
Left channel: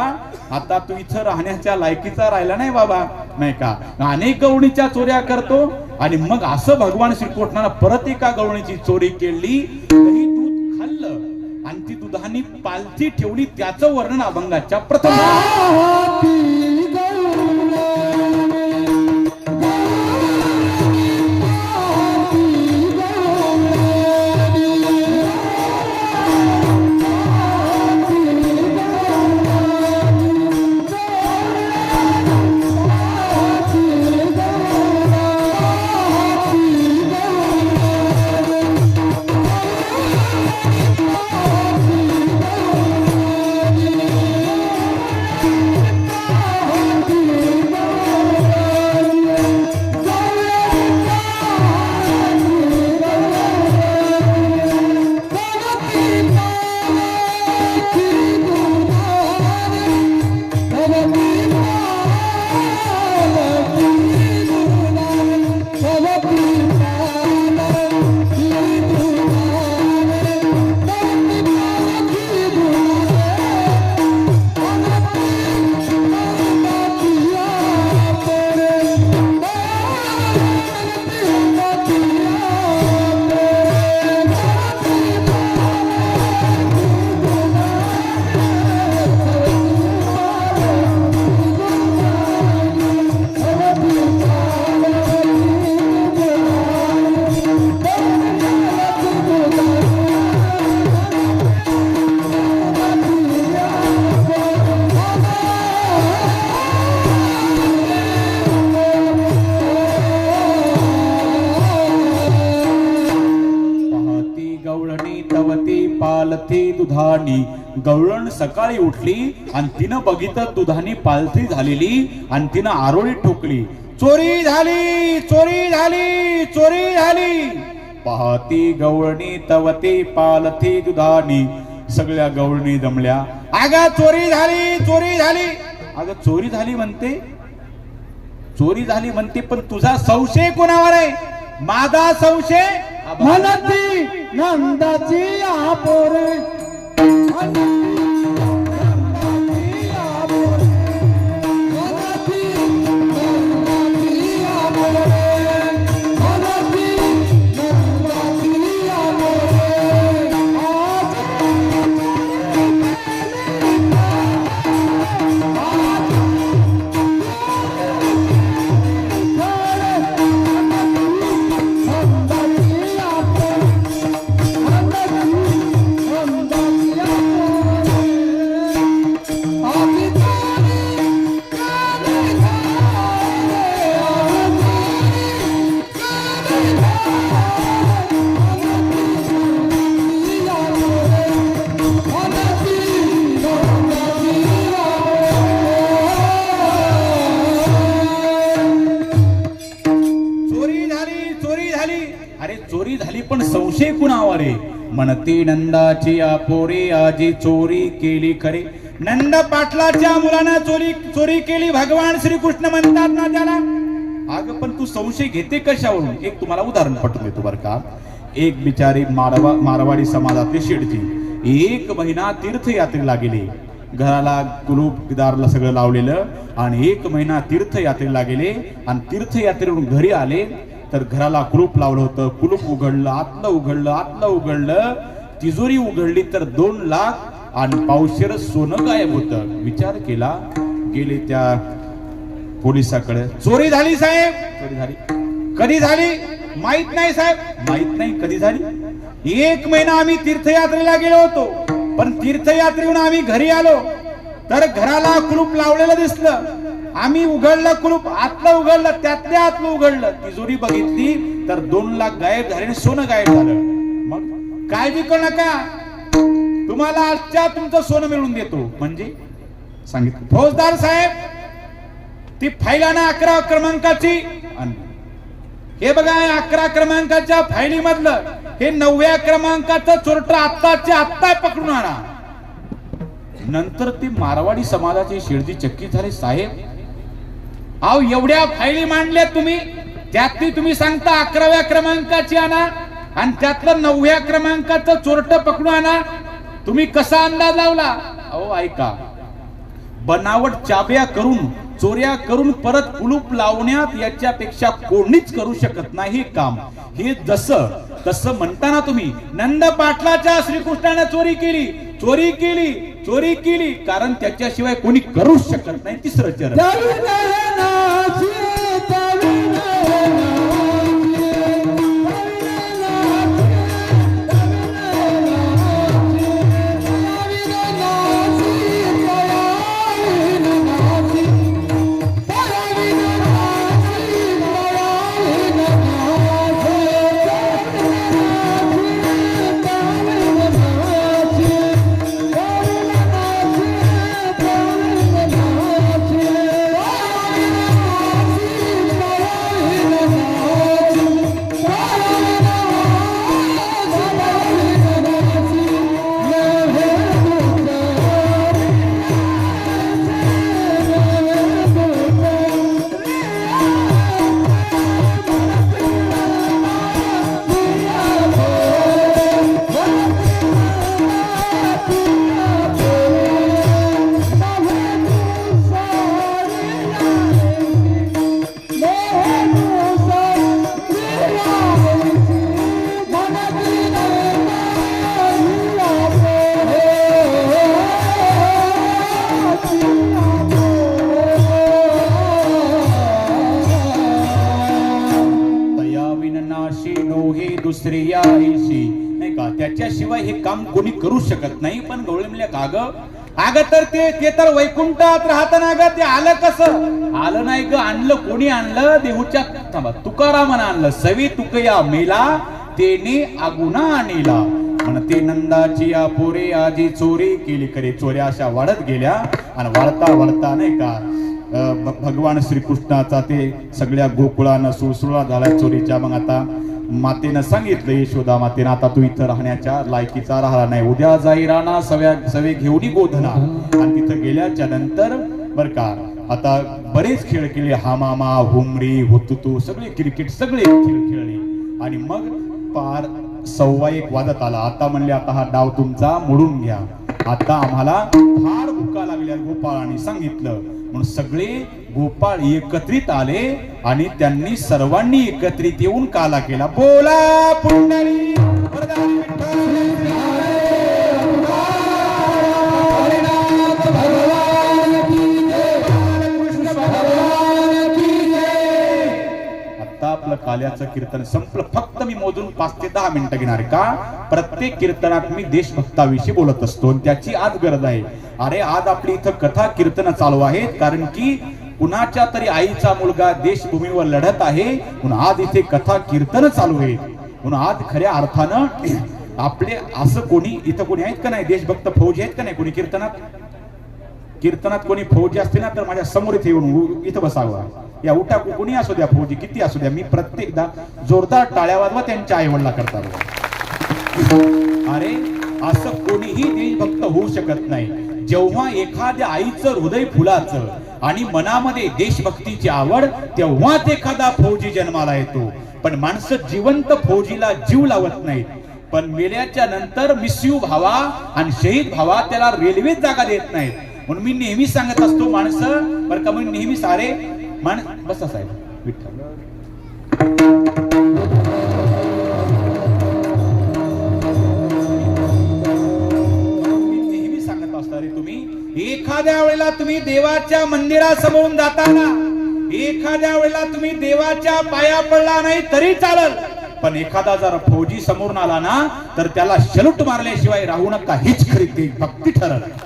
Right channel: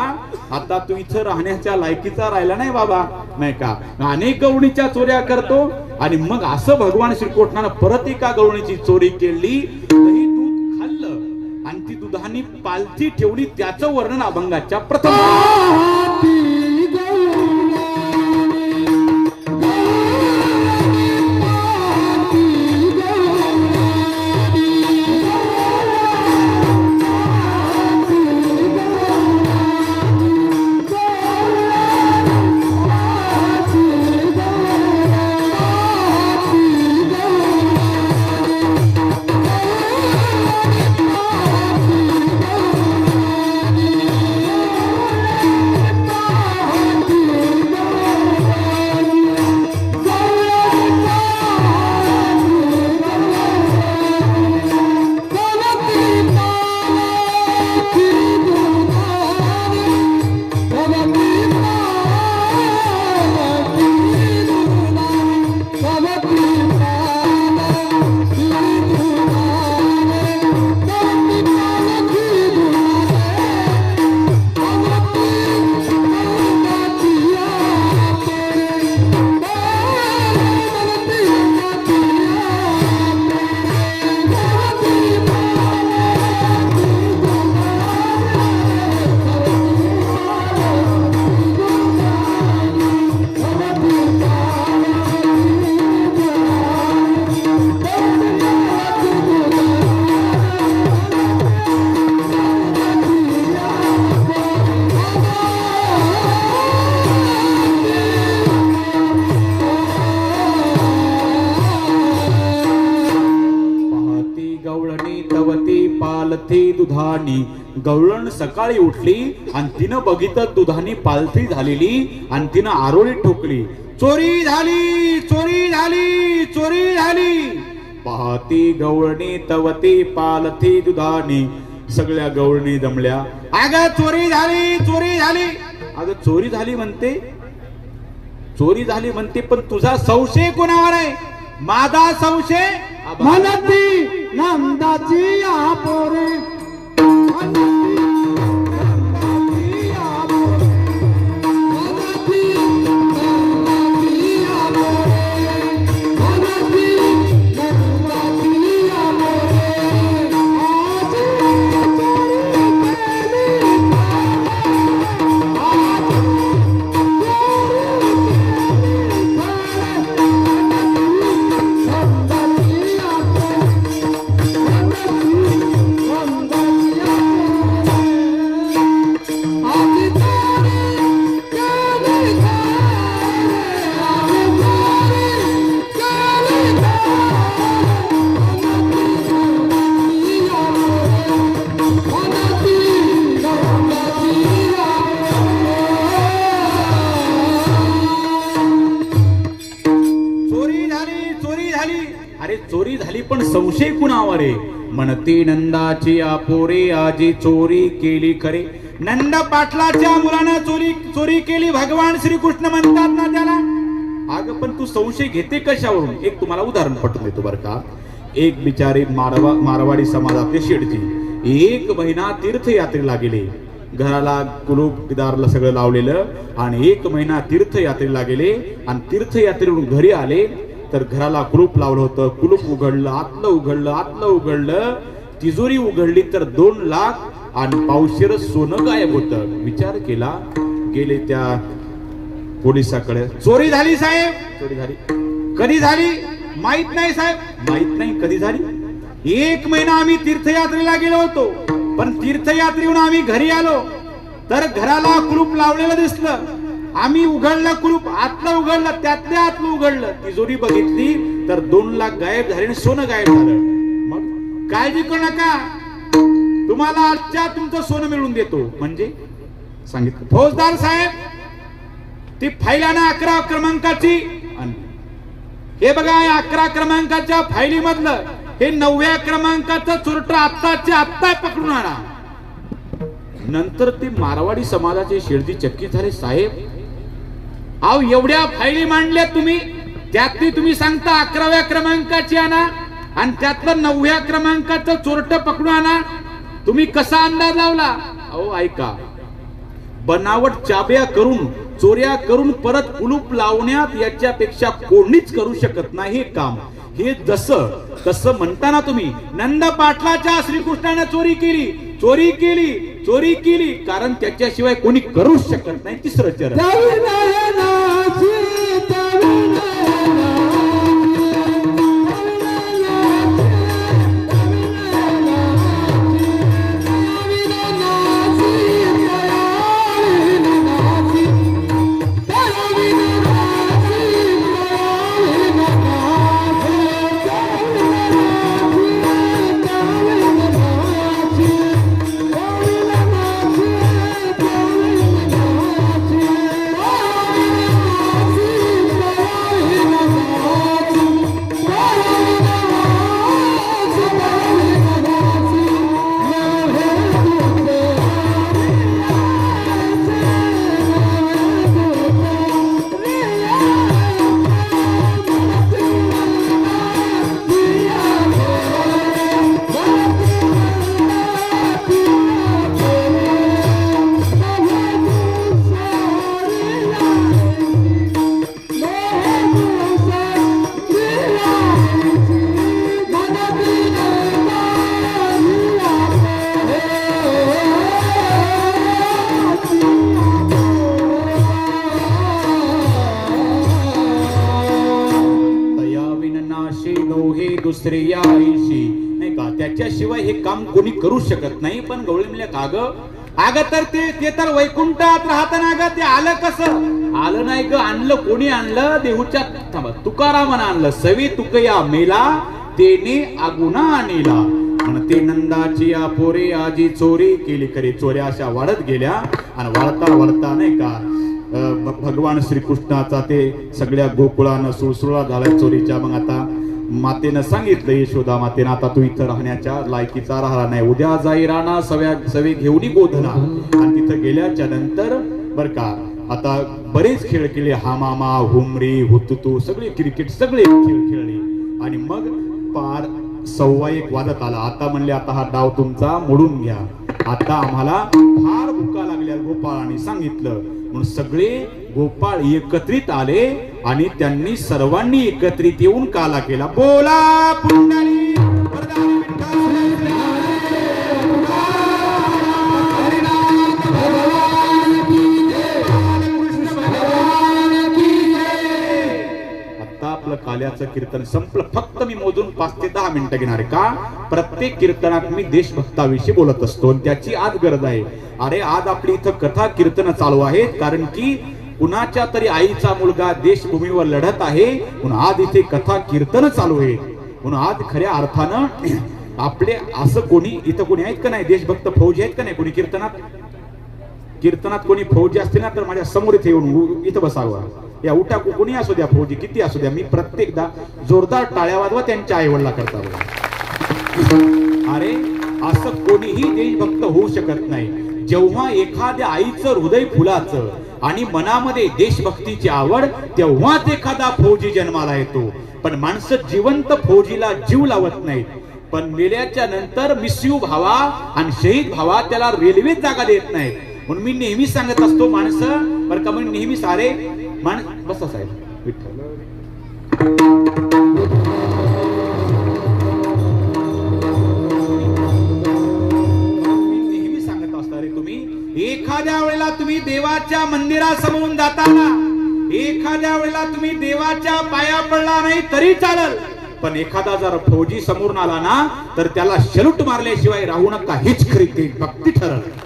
आता तू इथं राहण्याच्या लायकीचा राहिला नाही बाबा, नाही का, अनेक गवळणीच्या चोऱ्या करतो. आणि मग असं भगवान श्रीकृष्णानं परत एका गवळणीची चोरी केली, दूध खाल्लं आणि ती दुधानी पालथी ठेवली. त्याचं वर्णन अभंगाच्या प्रथम. गवळण सकाळी उठली आणि तिनं बघितलं दुधानी पालथी झालेली आणि तिनं आरोळी ठोकली. चोरी झाली, चोरी झाली, चोरी झाली. पाहती गवळणी तवती पालथी दुधानी, सगळ्या गवळणी जमल्या. अगं चोरी झाली, चोरी झाली. अगं चोरी झाली म्हणते, चोरी झाली म्हणते, पण तुझा संशय कोणावर आहे? माझा संशय म्हणती नंदाची आपोरे म्हणते नंदाची आपोरे आजी चोरी केली खरे. नंद पाटलाच्या मुलानं चोरी केली भगवान श्रीकृष्ण म्हणतात ना त्याला. अगं पण तू संशय घेते कशावरून? एक तुम्हाला उदाहरण पटवून देतो बरं का. एक बिचारी मारवाडी समाजातले शेठजी 1 महिना तीर्थयात्रेला गेले. घराला कुलूप किदारला सगळं लावलेलं आणि 1 महिना तीर्थयात्रेला गेले आणि तीर्थयात्रेवरून घरी आले तर घराला कुलूप लावलं होतं. कुलूप उघडलं, आतलं उघडलं, तिजोरी उघडली तर 2 लाख आणि पावशेर सोनं गायब होतं. विचार केला, गेले त्या पोलिसाकडे. चोरी झाली साहेब, चोरी झाली. कधी झाली माहित नाही साहेब, माहित नाही कधी झाली. 1 महिना आम्ही तीर्थयात्रेला गेलो होतो, पण तीर्थयात्रेहून आम्ही घरी आलो तर घराला कुलूप लावलेलं दिसलं. आम्ही उघडलं कुलूप, आतलं उघडलं, त्यातल्या आतलं उघडलं, तिजोरी बघितली तर 2 लाख गायब झाले, सोनं गायब झालं. मग काळजी करू नका, तुम्हाला आजच्या तुमचं सोनं मिळवून देतो. म्हणजे सांगितलं फौजदार साहेब, ती फाईल आणा 11 क्रमांकाची. हे बघा 11 क्रमांकाच्या फाईली मधलं हे 9व्या क्रमांकाचं चोरट आत्ता पकडून आणा. नंतर ते मारवाडी समाजाचे शेडजी चक्कीत झाले. साहेब अहो एवढ्या फाईली मांडल्या तुम्ही, त्यातली तुम्ही सांगता 11व्या क्रमांकाची आणा आणि त्यातलं 9व्या क्रमांकाचं चोरट पकडून आणा. तुम्ही कसा अंदाज लावला? अहो ऐका, बनावट चाब्या करून चोऱ्या करून परत कुलूप लावण्यात याच्यापेक्षा कोणीच करू शकत नाही हे काम. हे जसं कसं म्हणताना तुम्ही नंद पाटलाच्या श्रीकृष्णाने चोरी केली, चोरी केली, चोरी केली, कारण त्याच्याशिवाय कोणी करूच शकत नाही. तिसरं चरण दुसरे यायशी नाही का, त्याच्याशिवाय हे काम कोणी करू शकत नाही. पण गवळी म्हणल्या काग तर ते तर वैकुंठात राहताना ग ते आलं कसं? आलं नाही ग, आणलं कोणी आणलं? देहूच्या तुकारामानं आणलं. सवी तुकया मेला तेने आगुना आणला. म्हणते नंदाची आपोरे आजी चोरी केली खरे. चोऱ्या अशा वाढत गेल्या आणि वाढता नाही का भगवान श्रीकृष्णाचा ते सगळ्या गोकुळानं सुळसुळा झाला चोरीच्या. मग आता मातेनं सांगितलं, यशोदा मातेनं, आता तू इथं राहण्याच्या लायकीचा राहिला नाही, उद्या जाई राणा सवे घेऊन गोधना. आणि तिथं गेल्याच्या नंतर बर का आता बरेच खेळ केले, हामामा, हुमरी, हुतुतू, सगळे क्रिकेट सगळे खेळ खेळले. आणि मग पार 1:15 वाजत आला. आता म्हणले आता हा डाव तुमचा मोडून घ्या, आता आम्हाला फार भुका लागल्या. गोपाळाने सांगितलं म्हणून सगळे गोपाळ एकत्रित आले आणि त्यांनी सर्वांनी एकत्रित येऊन काला केला. बोला पुंडली आपलं काल्याचं कीर्तन संपलं. फक्त मी मोजून 5 ते 10 मिनिटं घेणार. का प्रत्येक कीर्तनात मी देशभक्ताविषयी बोलत असतो, त्याची आज गरज आहे. अरे आज आपली इथं कथा कीर्तन चालू आहेत, कारण की कुणाच्या तरी आईचा मुलगा देशभूमीवर लढत आहे, म्हणून आज इथे कथा कीर्तन चालू आहे. म्हणून आज खऱ्या अर्थानं आपले असं कोणी इथं कोणी आहेत का नाही देशभक्त फौजी आहेत का नाही कोणी कीर्तनात कोणी फौजी असते ना तर माझ्या समोर इथे येऊन इथं बसावं. या उठा कोणी असू द्या, फौजी किती असू द्या, मी प्रत्येकदा जोरदार टाळ्या वाजवा त्यांच्या आईवडिला करता. अरे असं कोणीही देशभक्त होऊ शकत नाही. जेव्हा एखाद्या आईचं हृदय फुलाचं आणि मनामध्ये देशभक्तीची आवड, तेव्हाच एखादा फौजी जन्माला येतो. पण माणसं जिवंत फौजीला जीव लावत नाहीत, पण मेल्याच्या नंतर मिस्यू भावा आणि शहीद भावा त्याला रेल्वेत जागा देत नाहीत. म्हणून मी नेहमी सांगत असतो माणसं बरं का, मी नेहमी सारे बसा साहेब विठ्ठल. नेहमी सांगत असता रे, तुम्ही एखाद्या वेळेला तुम्ही देवाच्या मंदिरासमोरून जाताना, एखाद्या वेळेला तुम्ही देवाच्या पाया पडला नाही तरी चालेल, पण एखादा जर फौजी समोरून आला ना तर त्याला शलूट मारल्याशिवाय राहू नका, हीच खरी भक्ती ठरत.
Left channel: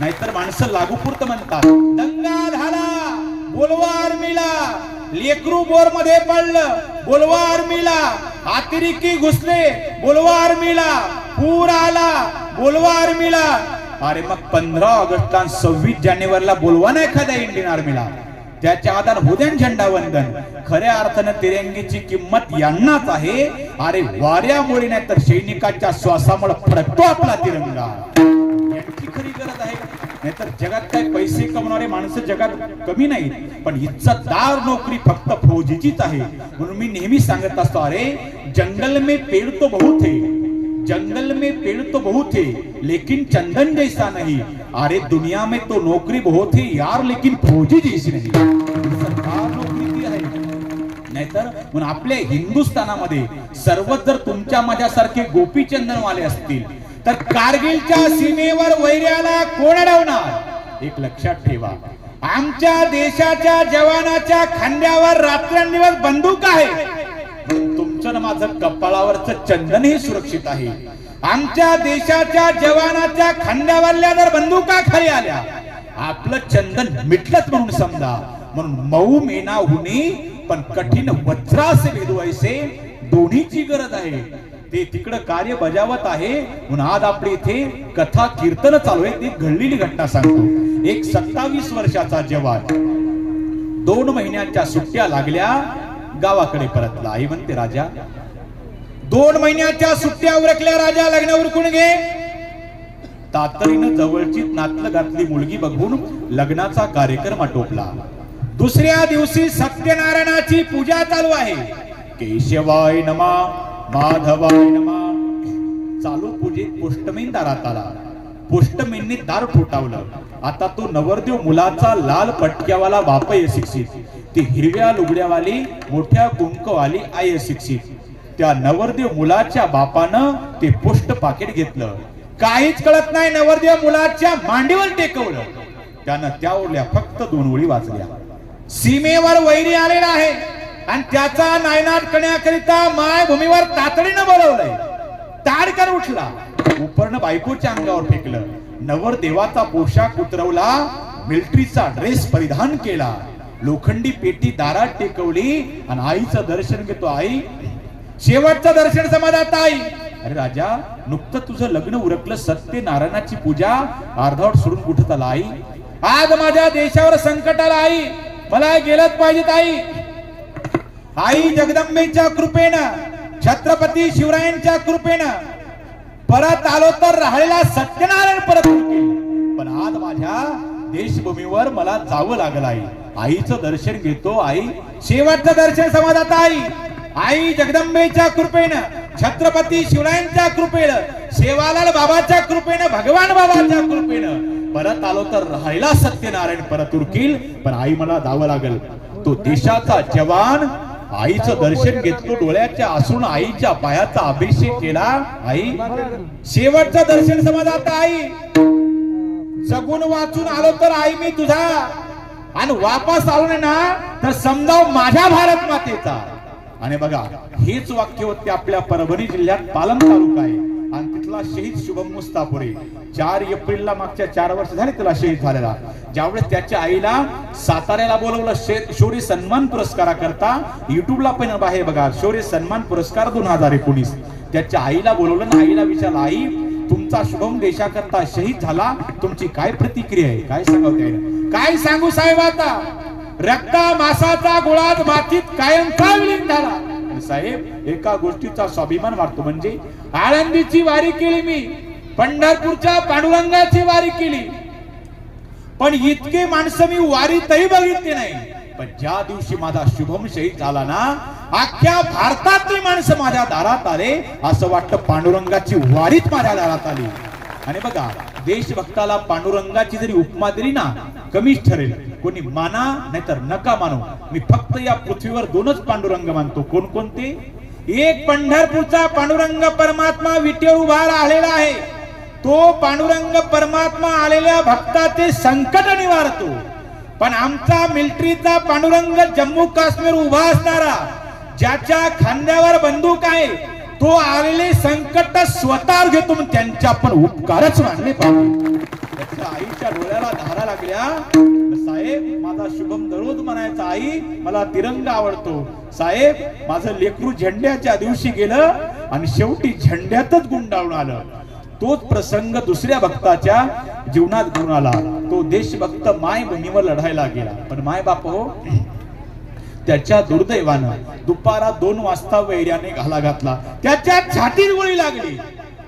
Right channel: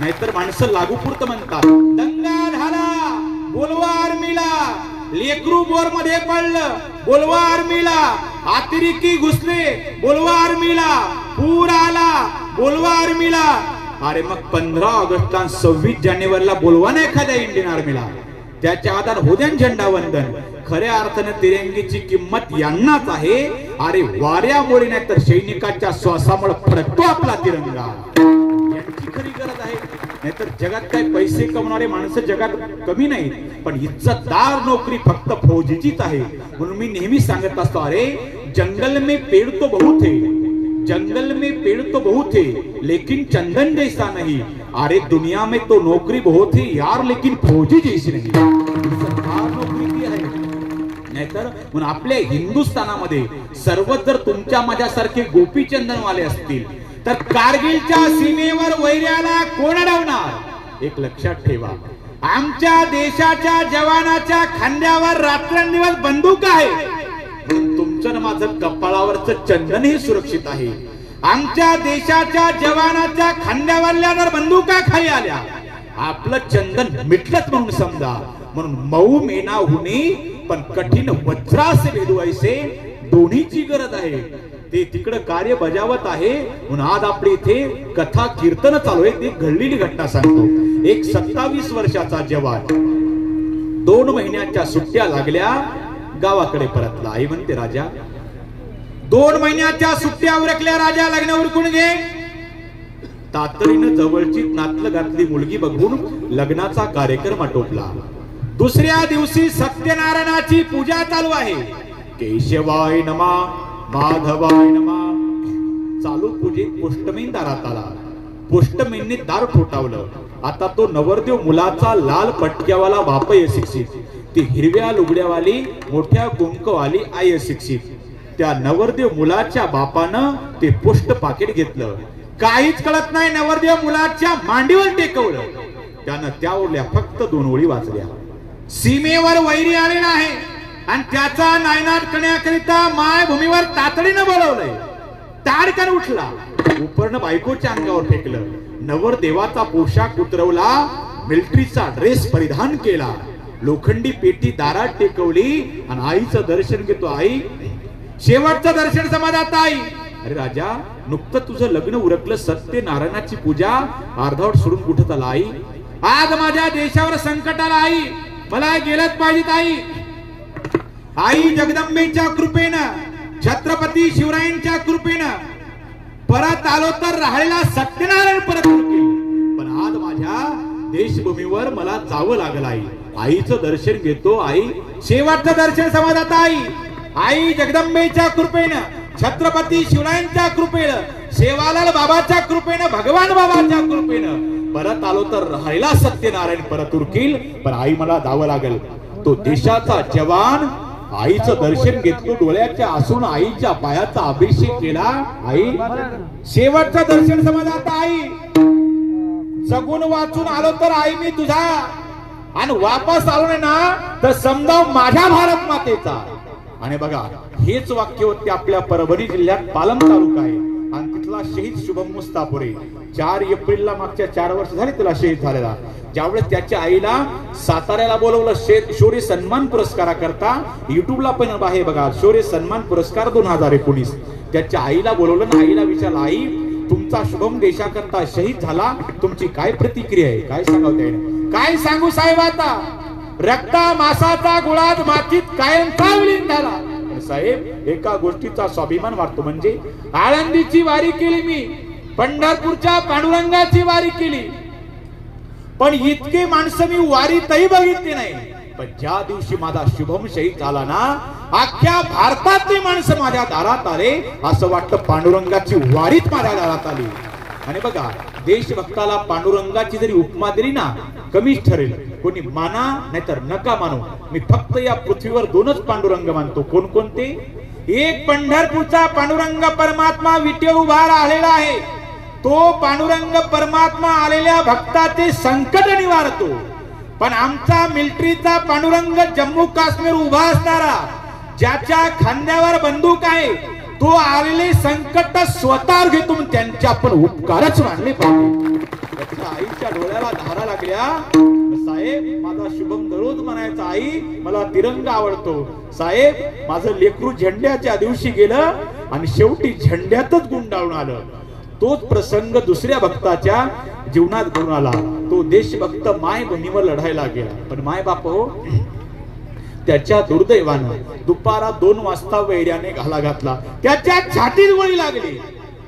नाहीतर माणसं लागूपुरतं म्हणतात. दंगा झाला बोलवा आर्मीला, लेकरू बोर मध्ये पडलं बोलवा आर्मीला, अतिरेकी घुसले बोलवा आर्मीला, पूर आला बोलवा आर्मीला. अरे मग 15 ऑगस्टला 26 जानेवारीला बोलवा ना एखाद्या इंडियन आर्मीला, त्याच्या आधार होद्या झेंडावंदन. खऱ्या अर्थाने तिरंगीची किंमत यांनाच आहे. अरे वाऱ्यामुळे नाही तर सैनिकाच्या श्वासामुळे फडकतो आपला तिरंगा, यांची खरी गरज आहे. नाहीतर जगात काय पैसे कमवणारे माणसं जगात कमी नाहीत, पण इज्जतदार नोकरी फक्त फौजीचीच आहे. म्हणून मी नेहमी सांगत असतो, अरे जंगल में पेड़ तो बहुत है, जंगल में पेड़ तो बहुत है, लेकिन चंदन जैसा नहीं. अरे दुनिया में तो नौकरी बहुत है यार, लेकिन फौजी जैसी नहीं. सरकार नोकरी ती आहे. नाहीतर म्हणून आपल्या हिंदुस्थानामध्ये सर्व जर तुमच्या माझ्यासारखे गोपीचंदनवाले असतील तर कारगिलच्या सीमेवर वैऱ्याला कोण अडवणार. एक लक्षात ठेवा, आमच्या देशाच्या जवानाच्या खांद्यावर रात्रंदिवस बंदूक आहे, तुमचं माझं कपाळावरचं चंदन हे सुरक्षित आहे. आमच्या देशाच्या जवानाच्या खांद्यावरल्या जर बंदुका खाली आल्या, आपलं चंदन मिटलंच म्हणून समजा. म्हणून मऊ मेना हुनी पण कठीण वज्रासे भेदवायचे, दोन्हीची गरज आहे. ते तिकडं कार्य बजावत आहे. म्हणून आज आपल्या इथे कथा कीर्तन चालू आहे. ती घडलेली घटना सांगतो. एक 27 वर्षाचा जवान 2 महिन्यांच्या सुट्ट्या लागल्या, गावाकडे परतला. आई म्हणते, राजा 2 महिन्याच्या सुट्ट्या उरकल्या, राजा लग्न उरकून घे. तातडीनं जवळची नातलं घातली मुलगी बघून लग्नाचा कार्यक्रम आटोपला. दुसऱ्या दिवशी सत्यनारायणाची पूजा चालू आहे. केशवाय नमा, माधवाय नमा. चालू पूजेत पोष्टमीन दारात आला. पोष्टमीनने दार ठोठावलं. आता तो नवरदेव मुलाचा लाल पटक्यावाला बाप आहे शिक्षित, ती हिरव्या लुगड्यावाली मोठ्या कुंकवाली आई शिक्षित. त्या नवरदेव मुलाच्या बापानं ते पोस्ट पाकिट घेतलं. काहीच कळत नाही, नवरदेव मुलाच्या मांडीवर टेकवलं. त्यानं त्यावरल्या फक्त 2 ओळी वाचल्या. सीमेवर वैरी आलेला आहे आणि त्याचा नायनाट करण्याकरिता मायभूमीवर तातडीनं बोलवलंय. ताडकन उठला, उपरनं बायकोच्या अंगावर फेकलं. नवरदेवाचा पोशाख उतरवला, मिलिटरीचा ड्रेस परिधान केला, लोखंडी पेटी दारात टेकवली आणि आईचं दर्शन घेतो. आई, शेवटचं दर्शन समाजात. आई, अरे राजा, नुकतं तुझं लग्न उरकलं, सत्यनारायणाची पूजा अर्धवट सोडून कुठं चाला. आई, आज माझ्या देशावर संकट आलं. आई, मला गेलंच पाहिजे. आई, आई जगदंबेच्या कृपेनं, छत्रपती शिवरायांच्या कृपेनं परत आलो तर राहिलेला सत्यनारायण परत होईल. पण आज माझ्या देशभूमीवर मला जावं लागलं आई. आईचं दर्शन घेतो. आई शेवटचं दर्शन समाजात आई जगदंबेच्या कृपेनं, छत्रपती शिवरायांच्या कृपेनं, सेवालाल बाबाच्या कृपेनं, भगवान बाबाच्या कृपेनं परत आलो तर राहिला सत्यनारायण परत उरकील. पण आई मला जावं लागल. तो देशाचा जवान आईचं दर्शन घेतलं, डोळ्याच्या असून आईच्या पायाचा अभिषेक केला. आई शेवटचं दर्शन समाजात आई. जगून वाचून आलो तर आई मी तुझा, आणि वापस आलो नाही ना तर समजा माझ्या भारत मातेचा. आणि बघा हेच वाक्य होते आपल्या परभणी जिल्ह्यात पालम तालुका आहे आणि तिथला शहीद शुभम मुस्तापुरे 4 एप्रिलला मागच्या 4 वर्ष झाली त्याला शहीद झालेला. ज्यावेळेस त्याच्या आईला साताऱ्याला बोलवलं शौर्य सन्मान पुरस्कारा करता, युट्यूबला पण आहे बघा, शौर्य सन्मान पुरस्कार 2019. त्याच्या आईला बोलवलं आणि आईला विचारलं, आई तुमचा शुभम देशाकरता शहीद झाला, तुमची काय प्रतिक्रिया आहे, काय सांगताय? काय सांगू साहेब, आता रक्ता मासाचा गुळात मातीत कायम काय विलीन झाला. साहेब एका गोष्टीचा स्वाभिमान वाटतो, म्हणजे आळंदीची वारी केली मी, पंढरपूरच्या पांडुरंगाची वारी केली, पण इतके माणसं मी वारीतही बघितली नाही. पण ज्या दिवशी माझा शुभम शहीद झाला ना, अख्ख्या भारतातली माणसं माझ्या दारात आले, असं वाटतं पांडुरंगाची वारीत माझ्या दारात आली. आणि बघा देशभक्ताला पांडुरंगाची जरी उपमा दिली ना कमीच ठरेल. कोणी माना नाहीतर नका मानू, मी फक्त या पृथ्वीवर 2च पांडुरंग मानतो. कोणकोणते? एक पंढरपूरचा पांडुरंग परमात्मा विटे उभा राहिलेला आहे. तो पांडुरंग परमात्मा आलेल्या भक्ताचे संकट निवारतो. पण आमचा मिलिटरीचा पांडुरंग जम्मू काश्मीर उभा असणारा, ज्याच्या खांद्यावर बंदूक आहे, तो आलेली संकट स्वतः घेतो. त्यांच्या पण उपकारच मानले पाहिजे. आईच्या डोळ्याला धारा लागल्या. साहेब माझा शुभम दररोज म्हणायचा, आई मला तिरंगा आवडतो. साहेब माझं लेकरू झेंड्याच्या दिवशी गेलं आणि शेवटी झेंड्यातच गुंडाळून आलं. तोच प्रसंग दुसऱ्या भक्ताच्या जीवनात घडून आला. तो देशभक्त माय बहिणीवर लढायला गेला, पण माय बाप त्याच्या दुर्दैवानं दुपारा 2 वाजता वैर्याने घाला घातला. त्याच्या छातीत गोळी लागली.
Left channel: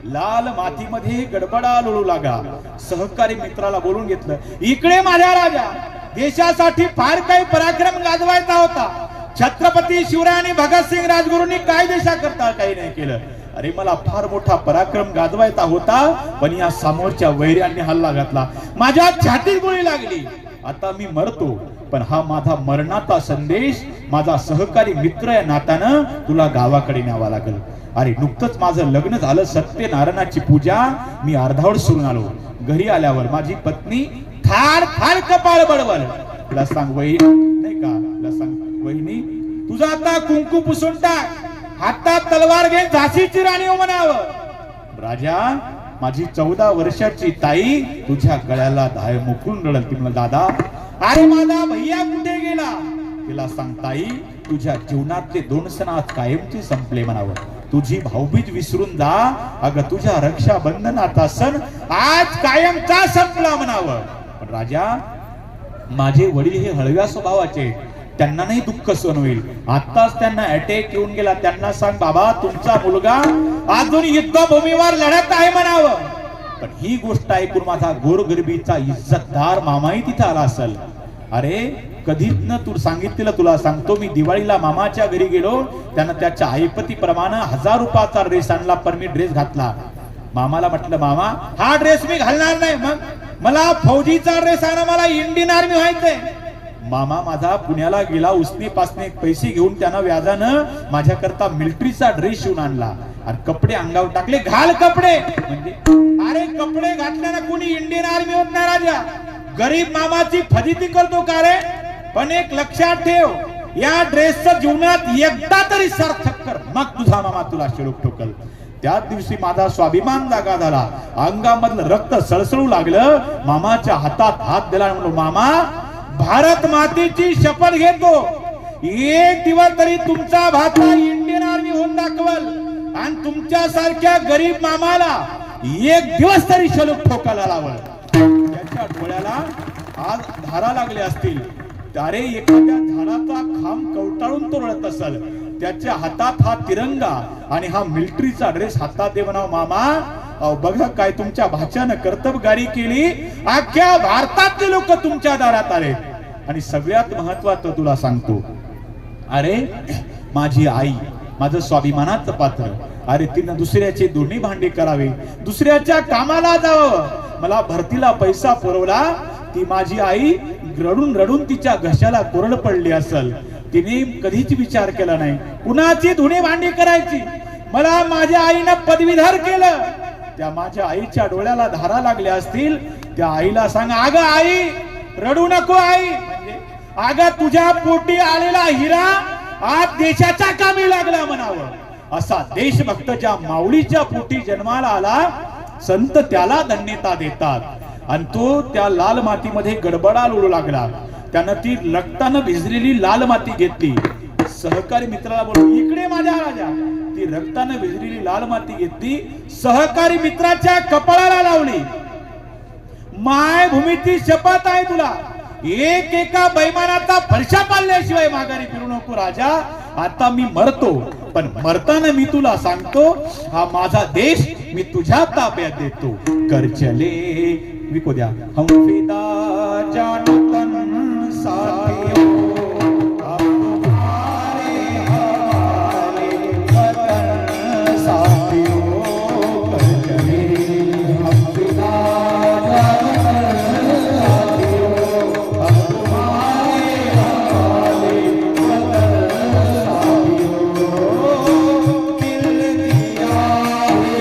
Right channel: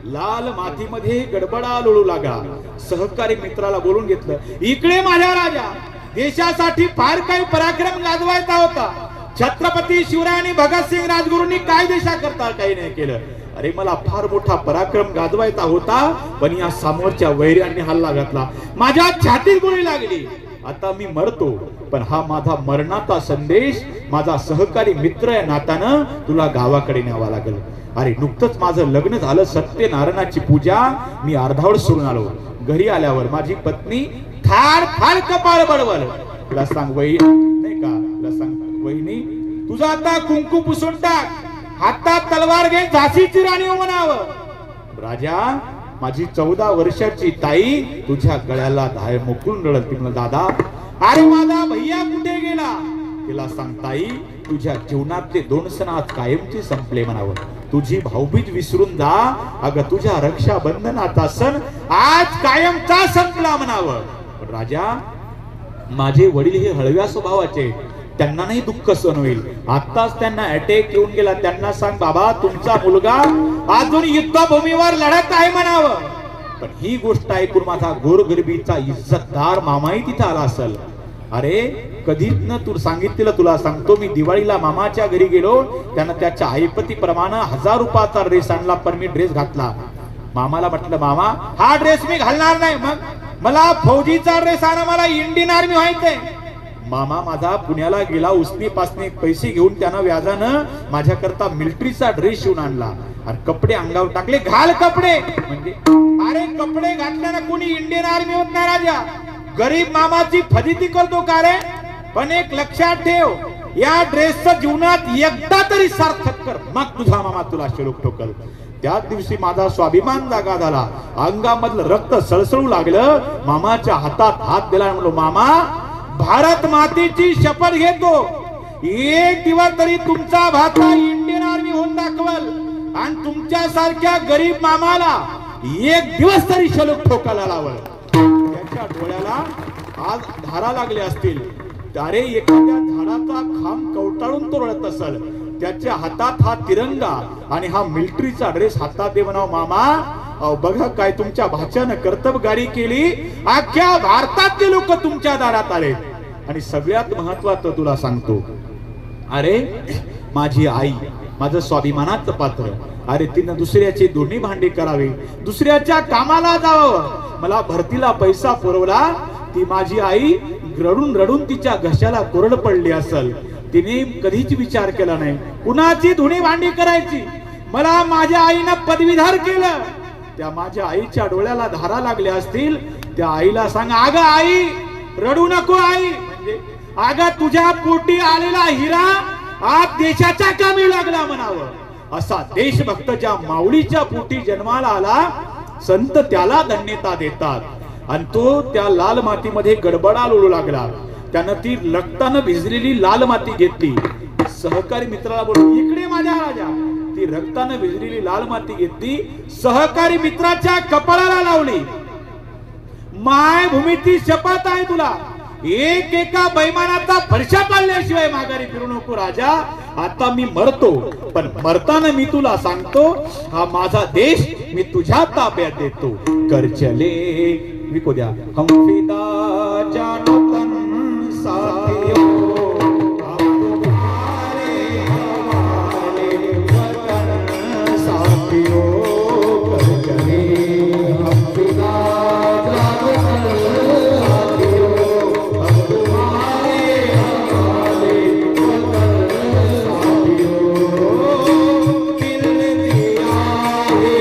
लाल मातीमध्ये गडबडा लोळू लागला. सहकारी मित्राला बोलून घेतलं, इकडे माझ्या राजा, देशासाठी फार काही पराक्रम गाजवायचा होता. छत्रपती शिवराय आणि भगतसिंग राजगुरूंनी काय देशाकरता काही नाही केलं. अरे मला फार मोठा पराक्रम गाजवायचा होता, पण या समोरच्या वैर्याने हल्ला घातला, माझ्या छातीत गोळी लागली. आता मी मरतो, पण हा माझा मरणाचा संदेश माझा सहकारी मित्र या नात्यानं तुला गावाकडे न्यावा लागेल. अरे नुकतंच माझं लग्न झालं, सत्यनारायणाची पूजा मी अर्धावट सोडून आलो. घरी आल्यावर माझी पत्नी थार थार कपाळ बडवल. तुला सांग वहिनी नाही का, तुला सांग वहिनी तुझा आता कुंकू पुसून टाक, हातात तलवार घे, झाशीची राणी हो म्हणावं. राजा माझी 14 वर्षाची ताई तुझ्या गळ्याला धाय मुकून रडत. ती म्हणा, दादा अरे माझा भैया कुठे गेला? तिला सांग ताई तुझ्या जीवनातले 2 सण आज कायमचे संपले म्हणावं. तुझी भाऊबीज विसरून जा, अगं तुझ्या रक्षाबंधनाचा सण आज कायमचा संपला म्हणावं. पण राजा माझे वडील हे हळव्या स्वभावाचे, त्यांना नाही दुःख सहन होईल. आताच त्यांना अटॅक येऊन गेला. त्यांना सांग बाबा तुमचा मुलगा अजून युद्धभूमीवर लढत आहे म्हणावं. पण ही गोष्ट ऐकून माझा गोरगरिबीचा इज्जतदार मामाही तिथे आला असेल. अरे कधीच न तू सांगितलेलं तुला सांगतो, मी दिवाळीला मामाच्या घरी गेलो. त्यानं त्याच्या ऐपतीप्रमाणे 1000 रुपयाचा ड्रेस आणला, पण मी ड्रेस घातला. मामाला म्हटलं मामा हा ड्रेस मी घालणार नाही, मग मला फौजीचा ड्रेस आणा, मला इंडियन आर्मी व्हायचंय. मामा माझा पुण्याला गेला, उसनी पासनी पैसे घेऊन त्यानं व्याजानं माझ्याकरता मिलिटरीचा ड्रेस शिवून आणला आणि कपडे अंगावर टाकले. घाल कपडे म्हणजे अरे कपडे घातल्याने कोणी इंडियन आर्मी होत नाही राजा. गरीब मामाची फजिती करतो का रे? पण एक लक्षात ठेव, या ड्रेसचं जीवनात एकदा तरी सार्थक कर, मग तुझा मामा तुला शिरूक ठोकल. त्याच दिवशी माझा स्वाभिमान जागा झाला, अंगामधलं रक्त सळसळू लागलं. मामाच्या हातात हात दिला, म्हणलो मामा भारत मातेची शपथ घेतो, एक दिवस तरी तुमचा भाचा इंडियन आर्मी होऊन दाखवल आणि तुमच्या सारख्या गरीब मामाला एक दिवस तरी शलूक ठोकायला लावल. त्याच्या डोळ्याला आज धारा लागल्या असतील. अरे एखाद्या झाडाचा खांब कवटाळून तो रडत असेल, त्याच्या हातात हा तिरंगा आणि हा मिलिटरीचा ड्रेस हातात दे म्हणाव मामा, अहो बघा काय तुमच्या भाच्यानं कर्तबगारी केली, अख्ख्या भारतातले लोक तुमच्या दारात आले. आणि सगळ्यात महत्वाचं तुला सांगतो, अरे माझी आई माझं स्वाभिमानाचं पात्र, अरे तिनं दुसऱ्याचे दोन्ही भांडे करावे, दुसऱ्याच्या कामाला जावं, मला भरतीला पैसा पुरवला, ती माझी आई रडून रडून तिच्या घशाला कोरड पडली असल, तिने कधीच विचार केला नाही कुणाची धुणी भांडी करायची. मला माझ्या आईनं पदवीधर केलं, त्या माझ्या आईच्या डोळ्याला धारा लागल्या असतील, त्या आईला सांग, अगं आई रडू नको आई, म्हणजे अगं तुझ्या पोटी आलेला हिरा आज देशाच्या कामी लागला म्हणावं. असा देशभक्त ज्या माऊलीच्या पोटी जन्माला आला, संत त्याला धन्यता देतात. आणि तो त्या लाल मातीमध्ये गडबडा लोळू लागला. त्यानं ती रक्तानं भिजलेली लाल माती घेतली, सहकारी मित्राला बोलून, इकडे माझ्या राजा, ती रक्तानं भिजलेली लाल माती घेतली, सहकारी मित्राच्या कपाळाला लावली. मायभूमीची शपथ आहे तुला, एका बैमानाचा फरशा पाळल्याशिवाय माघारी फिरू नको राजा. आता मी मरतो, पण मरताना मी तुला सांगतो, हा माझा देश मी तुझ्या ताब्यात देतो. कर चले विको द्या हम फिदा जानो तन साथियो, अब तुम्हारे हवाले वतन साथियो. कर चले हम फिदा जानो तन साथियो, अब तुम्हारे हवाले वतन साथियो. दिल दिया रे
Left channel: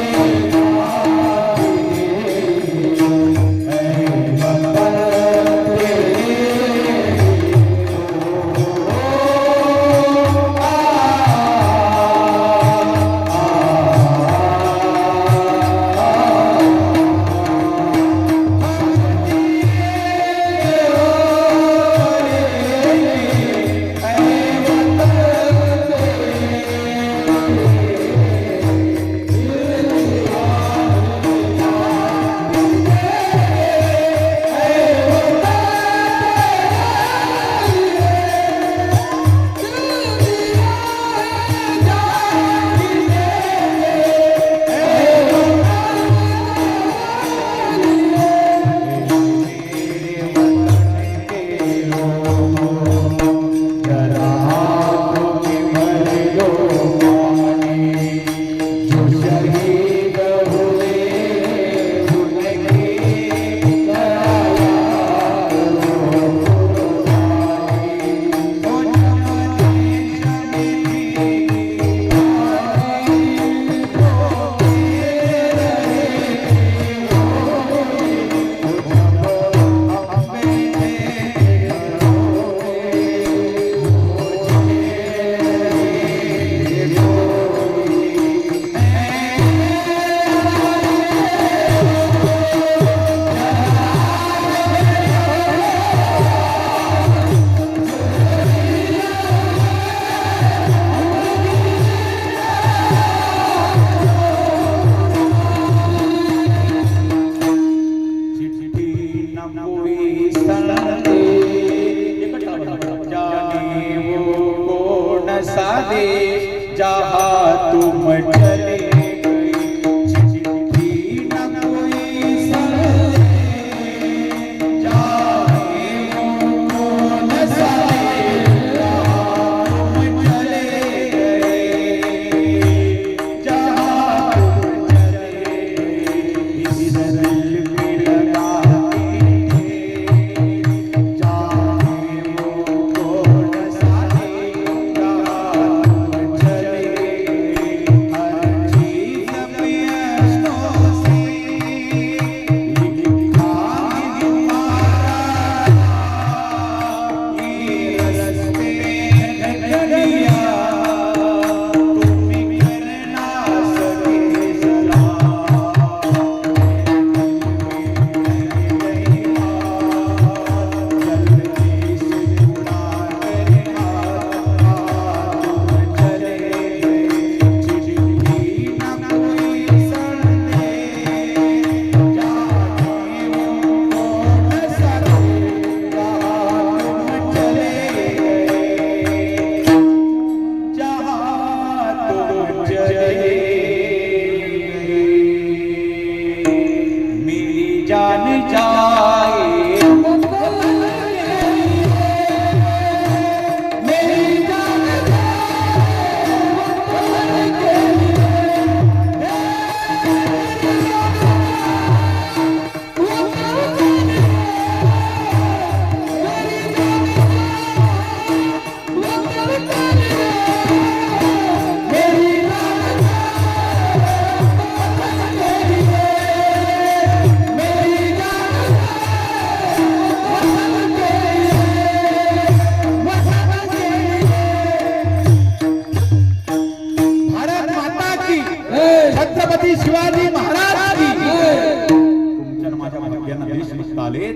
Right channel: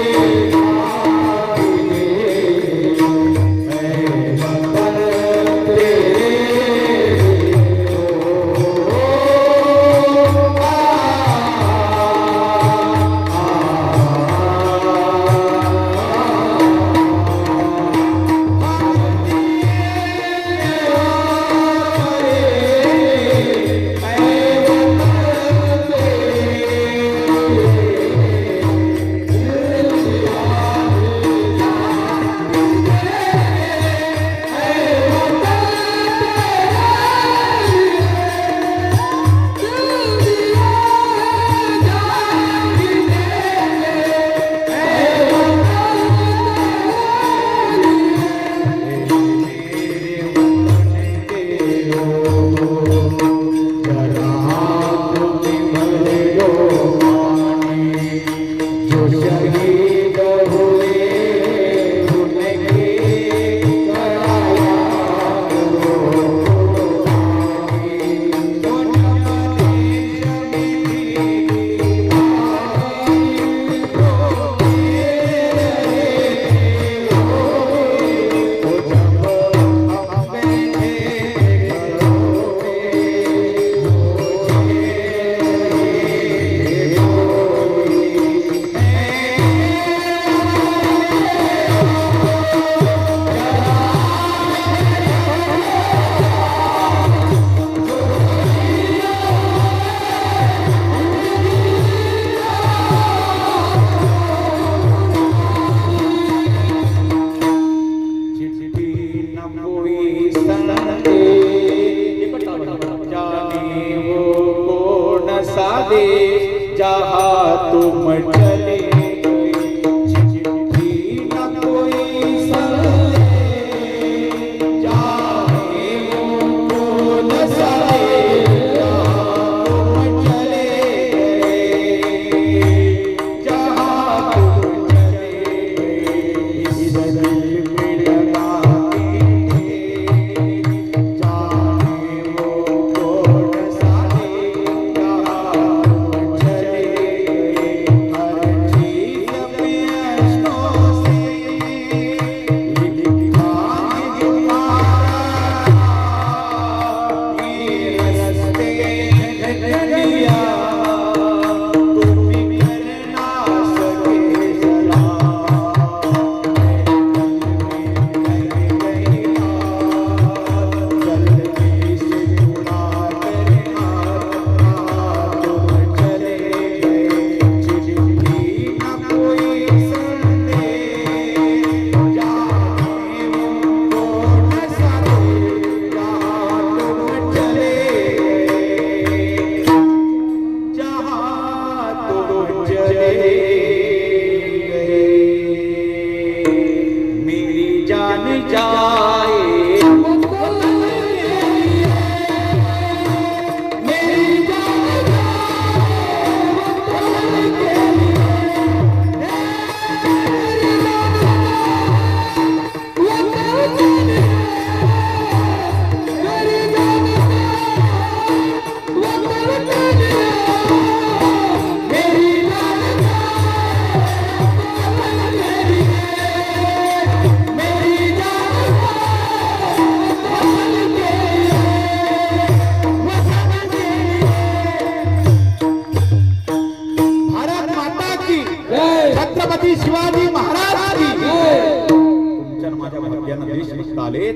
इथं आले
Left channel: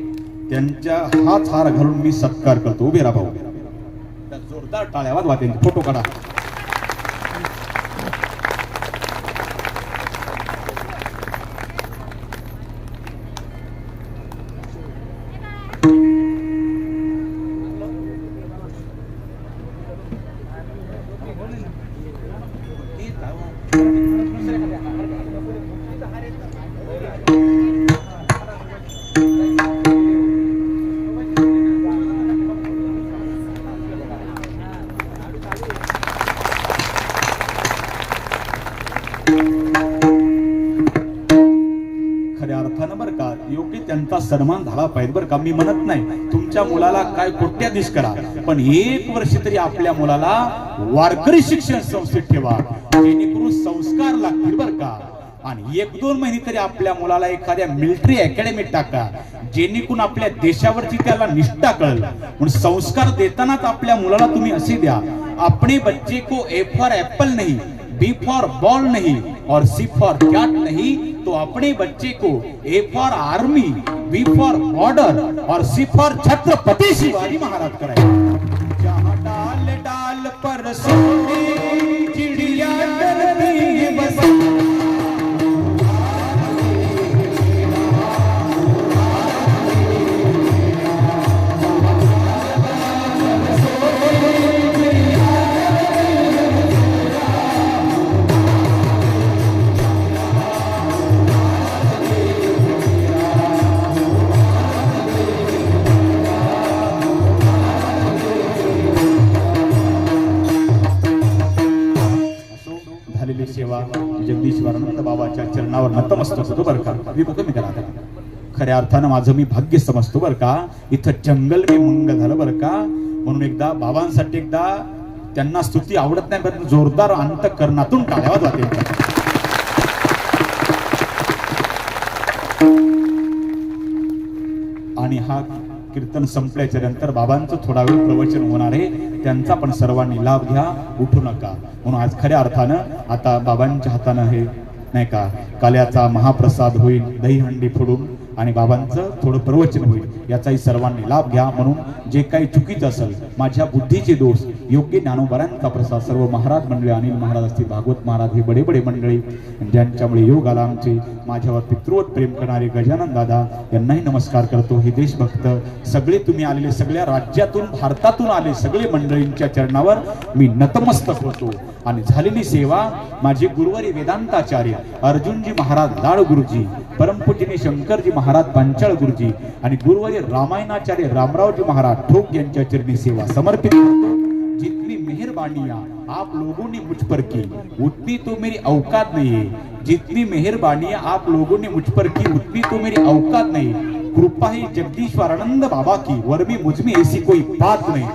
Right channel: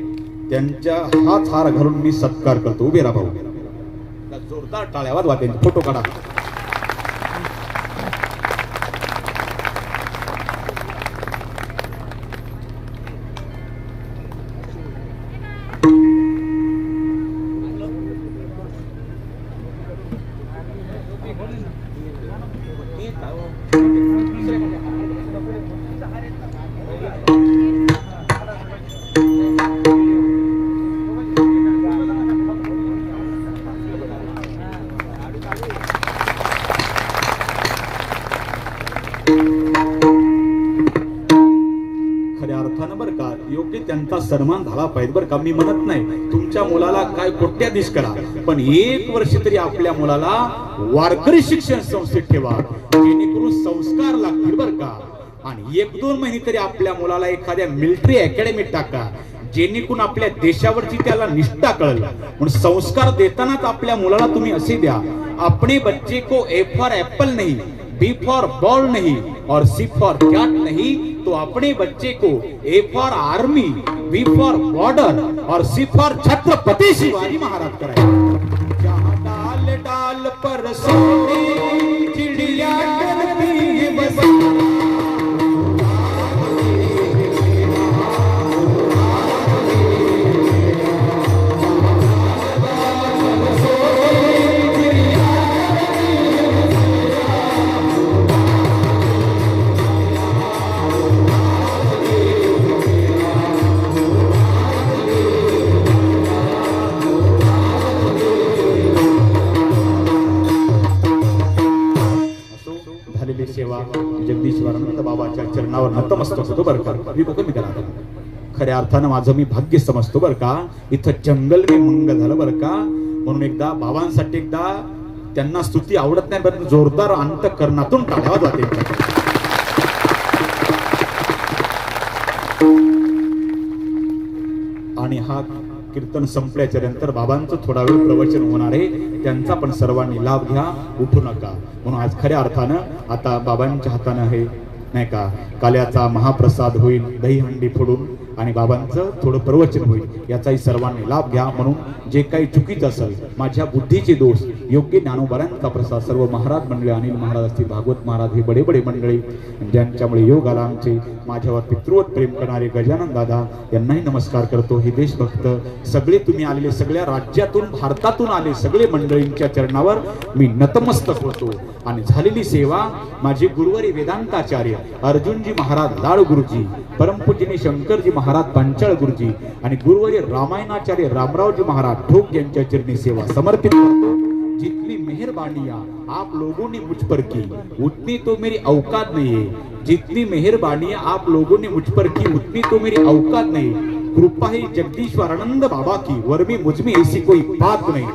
त्यांच्या हात हार घालून मी सत्कार करतो. उभे राहा भाऊ. त्या जोरदार टाळ्या वाजवा, त्यांचे फोटो काढा. खऱ्या अर्थानं बरं का योग्य त्यांचा सन्मान झाला पाहिजे बरं का. मी म्हणत नाही तुमच्या मुलाला काय कोट्याधीश करा, पण 1 वर्ष तरी आपल्या मुलाला वारकरी शिक्षण संस्थेत ठेवा, जेणेकरून संस्कार लागतील बरं का. आणि 1-2 महिने तरी आपल्या मुलाला एखाद्या मिलिटरी अकॅडमीत टाका, जेणेकरून आपल्या देशावरची त्याला निष्ठा कळेल. म्हणून संस्कार देतानाच आपल्या मुलाला तुम्ही असे द्या, अपने बच्चे को ए फॉर एप्पल नहीं, बी फॉर बॉल नहीं और सी फॉर कैट नहीं, तो अपने बच्चे को A for army, B for border और सी फॉर छत्रपति शिवाजी महाराज करायचे. डाल डाल पर चिड़िया करती बसी. झालेली सेवा जगदीश्वरानंद बाबाच्या चरणावर नतमस्तक होतो बरं का. मी बघून निघाला खऱ्या अर्थानं माझं मी भाग्य समजतो बरं का. इथं जंगल बी मंग झालं बरं का. म्हणून एकदा बाबांसाठी एकदा त्यांना स्तुती आवडत नाही पण जोरदार अंतःकरणातून टाळ्या जाते. आणि हा कीर्तन संपल्याच्या नंतर बाबांचं थोडा वेळ प्रवचन होणार आहे, त्यांचा पण सर्वांनी लाभ घ्या, उठू नका. म्हणून आज खऱ्या अर्थानं आता बाबांच्या हातानं हे नाही का काल्याचा महाप्रसाद होईल, दहीहंडी फोडून आणि बाबांचं थोडं प्रवचन होईल, याचाही सर्वांनी लाभ घ्या. म्हणून जे काही चुकीचं असेल, माझ्या बुद्धीचे दोष, योग्य ज्ञानोबरांचा प्रसाद सर्व महाराज मंडळी, अनिल महाराज असतील, भागवत महाराज, हे बडे बडे मंडळी ज्यांच्यामुळे योग आला आमचे, माझ्यावर पितृवत प्रेम करणारे गजानन दादा यांनाही नमस्कार करतो. हे देशभक्त सगळे तुम्ही आलेले, सगळ्या राज्यातून भारतातून आले सगळे मंडळींच्या चरणावर मी नतमस्तक होतो. आणि झालेली सेवा माझे गुरुवारी वेदांताचार्य अर्जुनजी महाराज लाड गुरुजी, परमपूजनी शंकरजी महाराज पंचाळ गुरुजी आणि गुरुवारी रामायणाचार्य रामरावजी महाराज ठोक यांच्या चरणी सेवा समर्पित करतो. जितनी मेहरबानियां आप लोगों ने मुझ पर की उतनी तो मेरी औकात नहीं है. जितनी मेहरबानियां आप लोगों ने मुझ पर की उतनी तो मेरी औकात नहीं. कृपा ही जगदीश्वरानंद बाबा की, वर में मुझ में ऐसी कोई बात नहीं.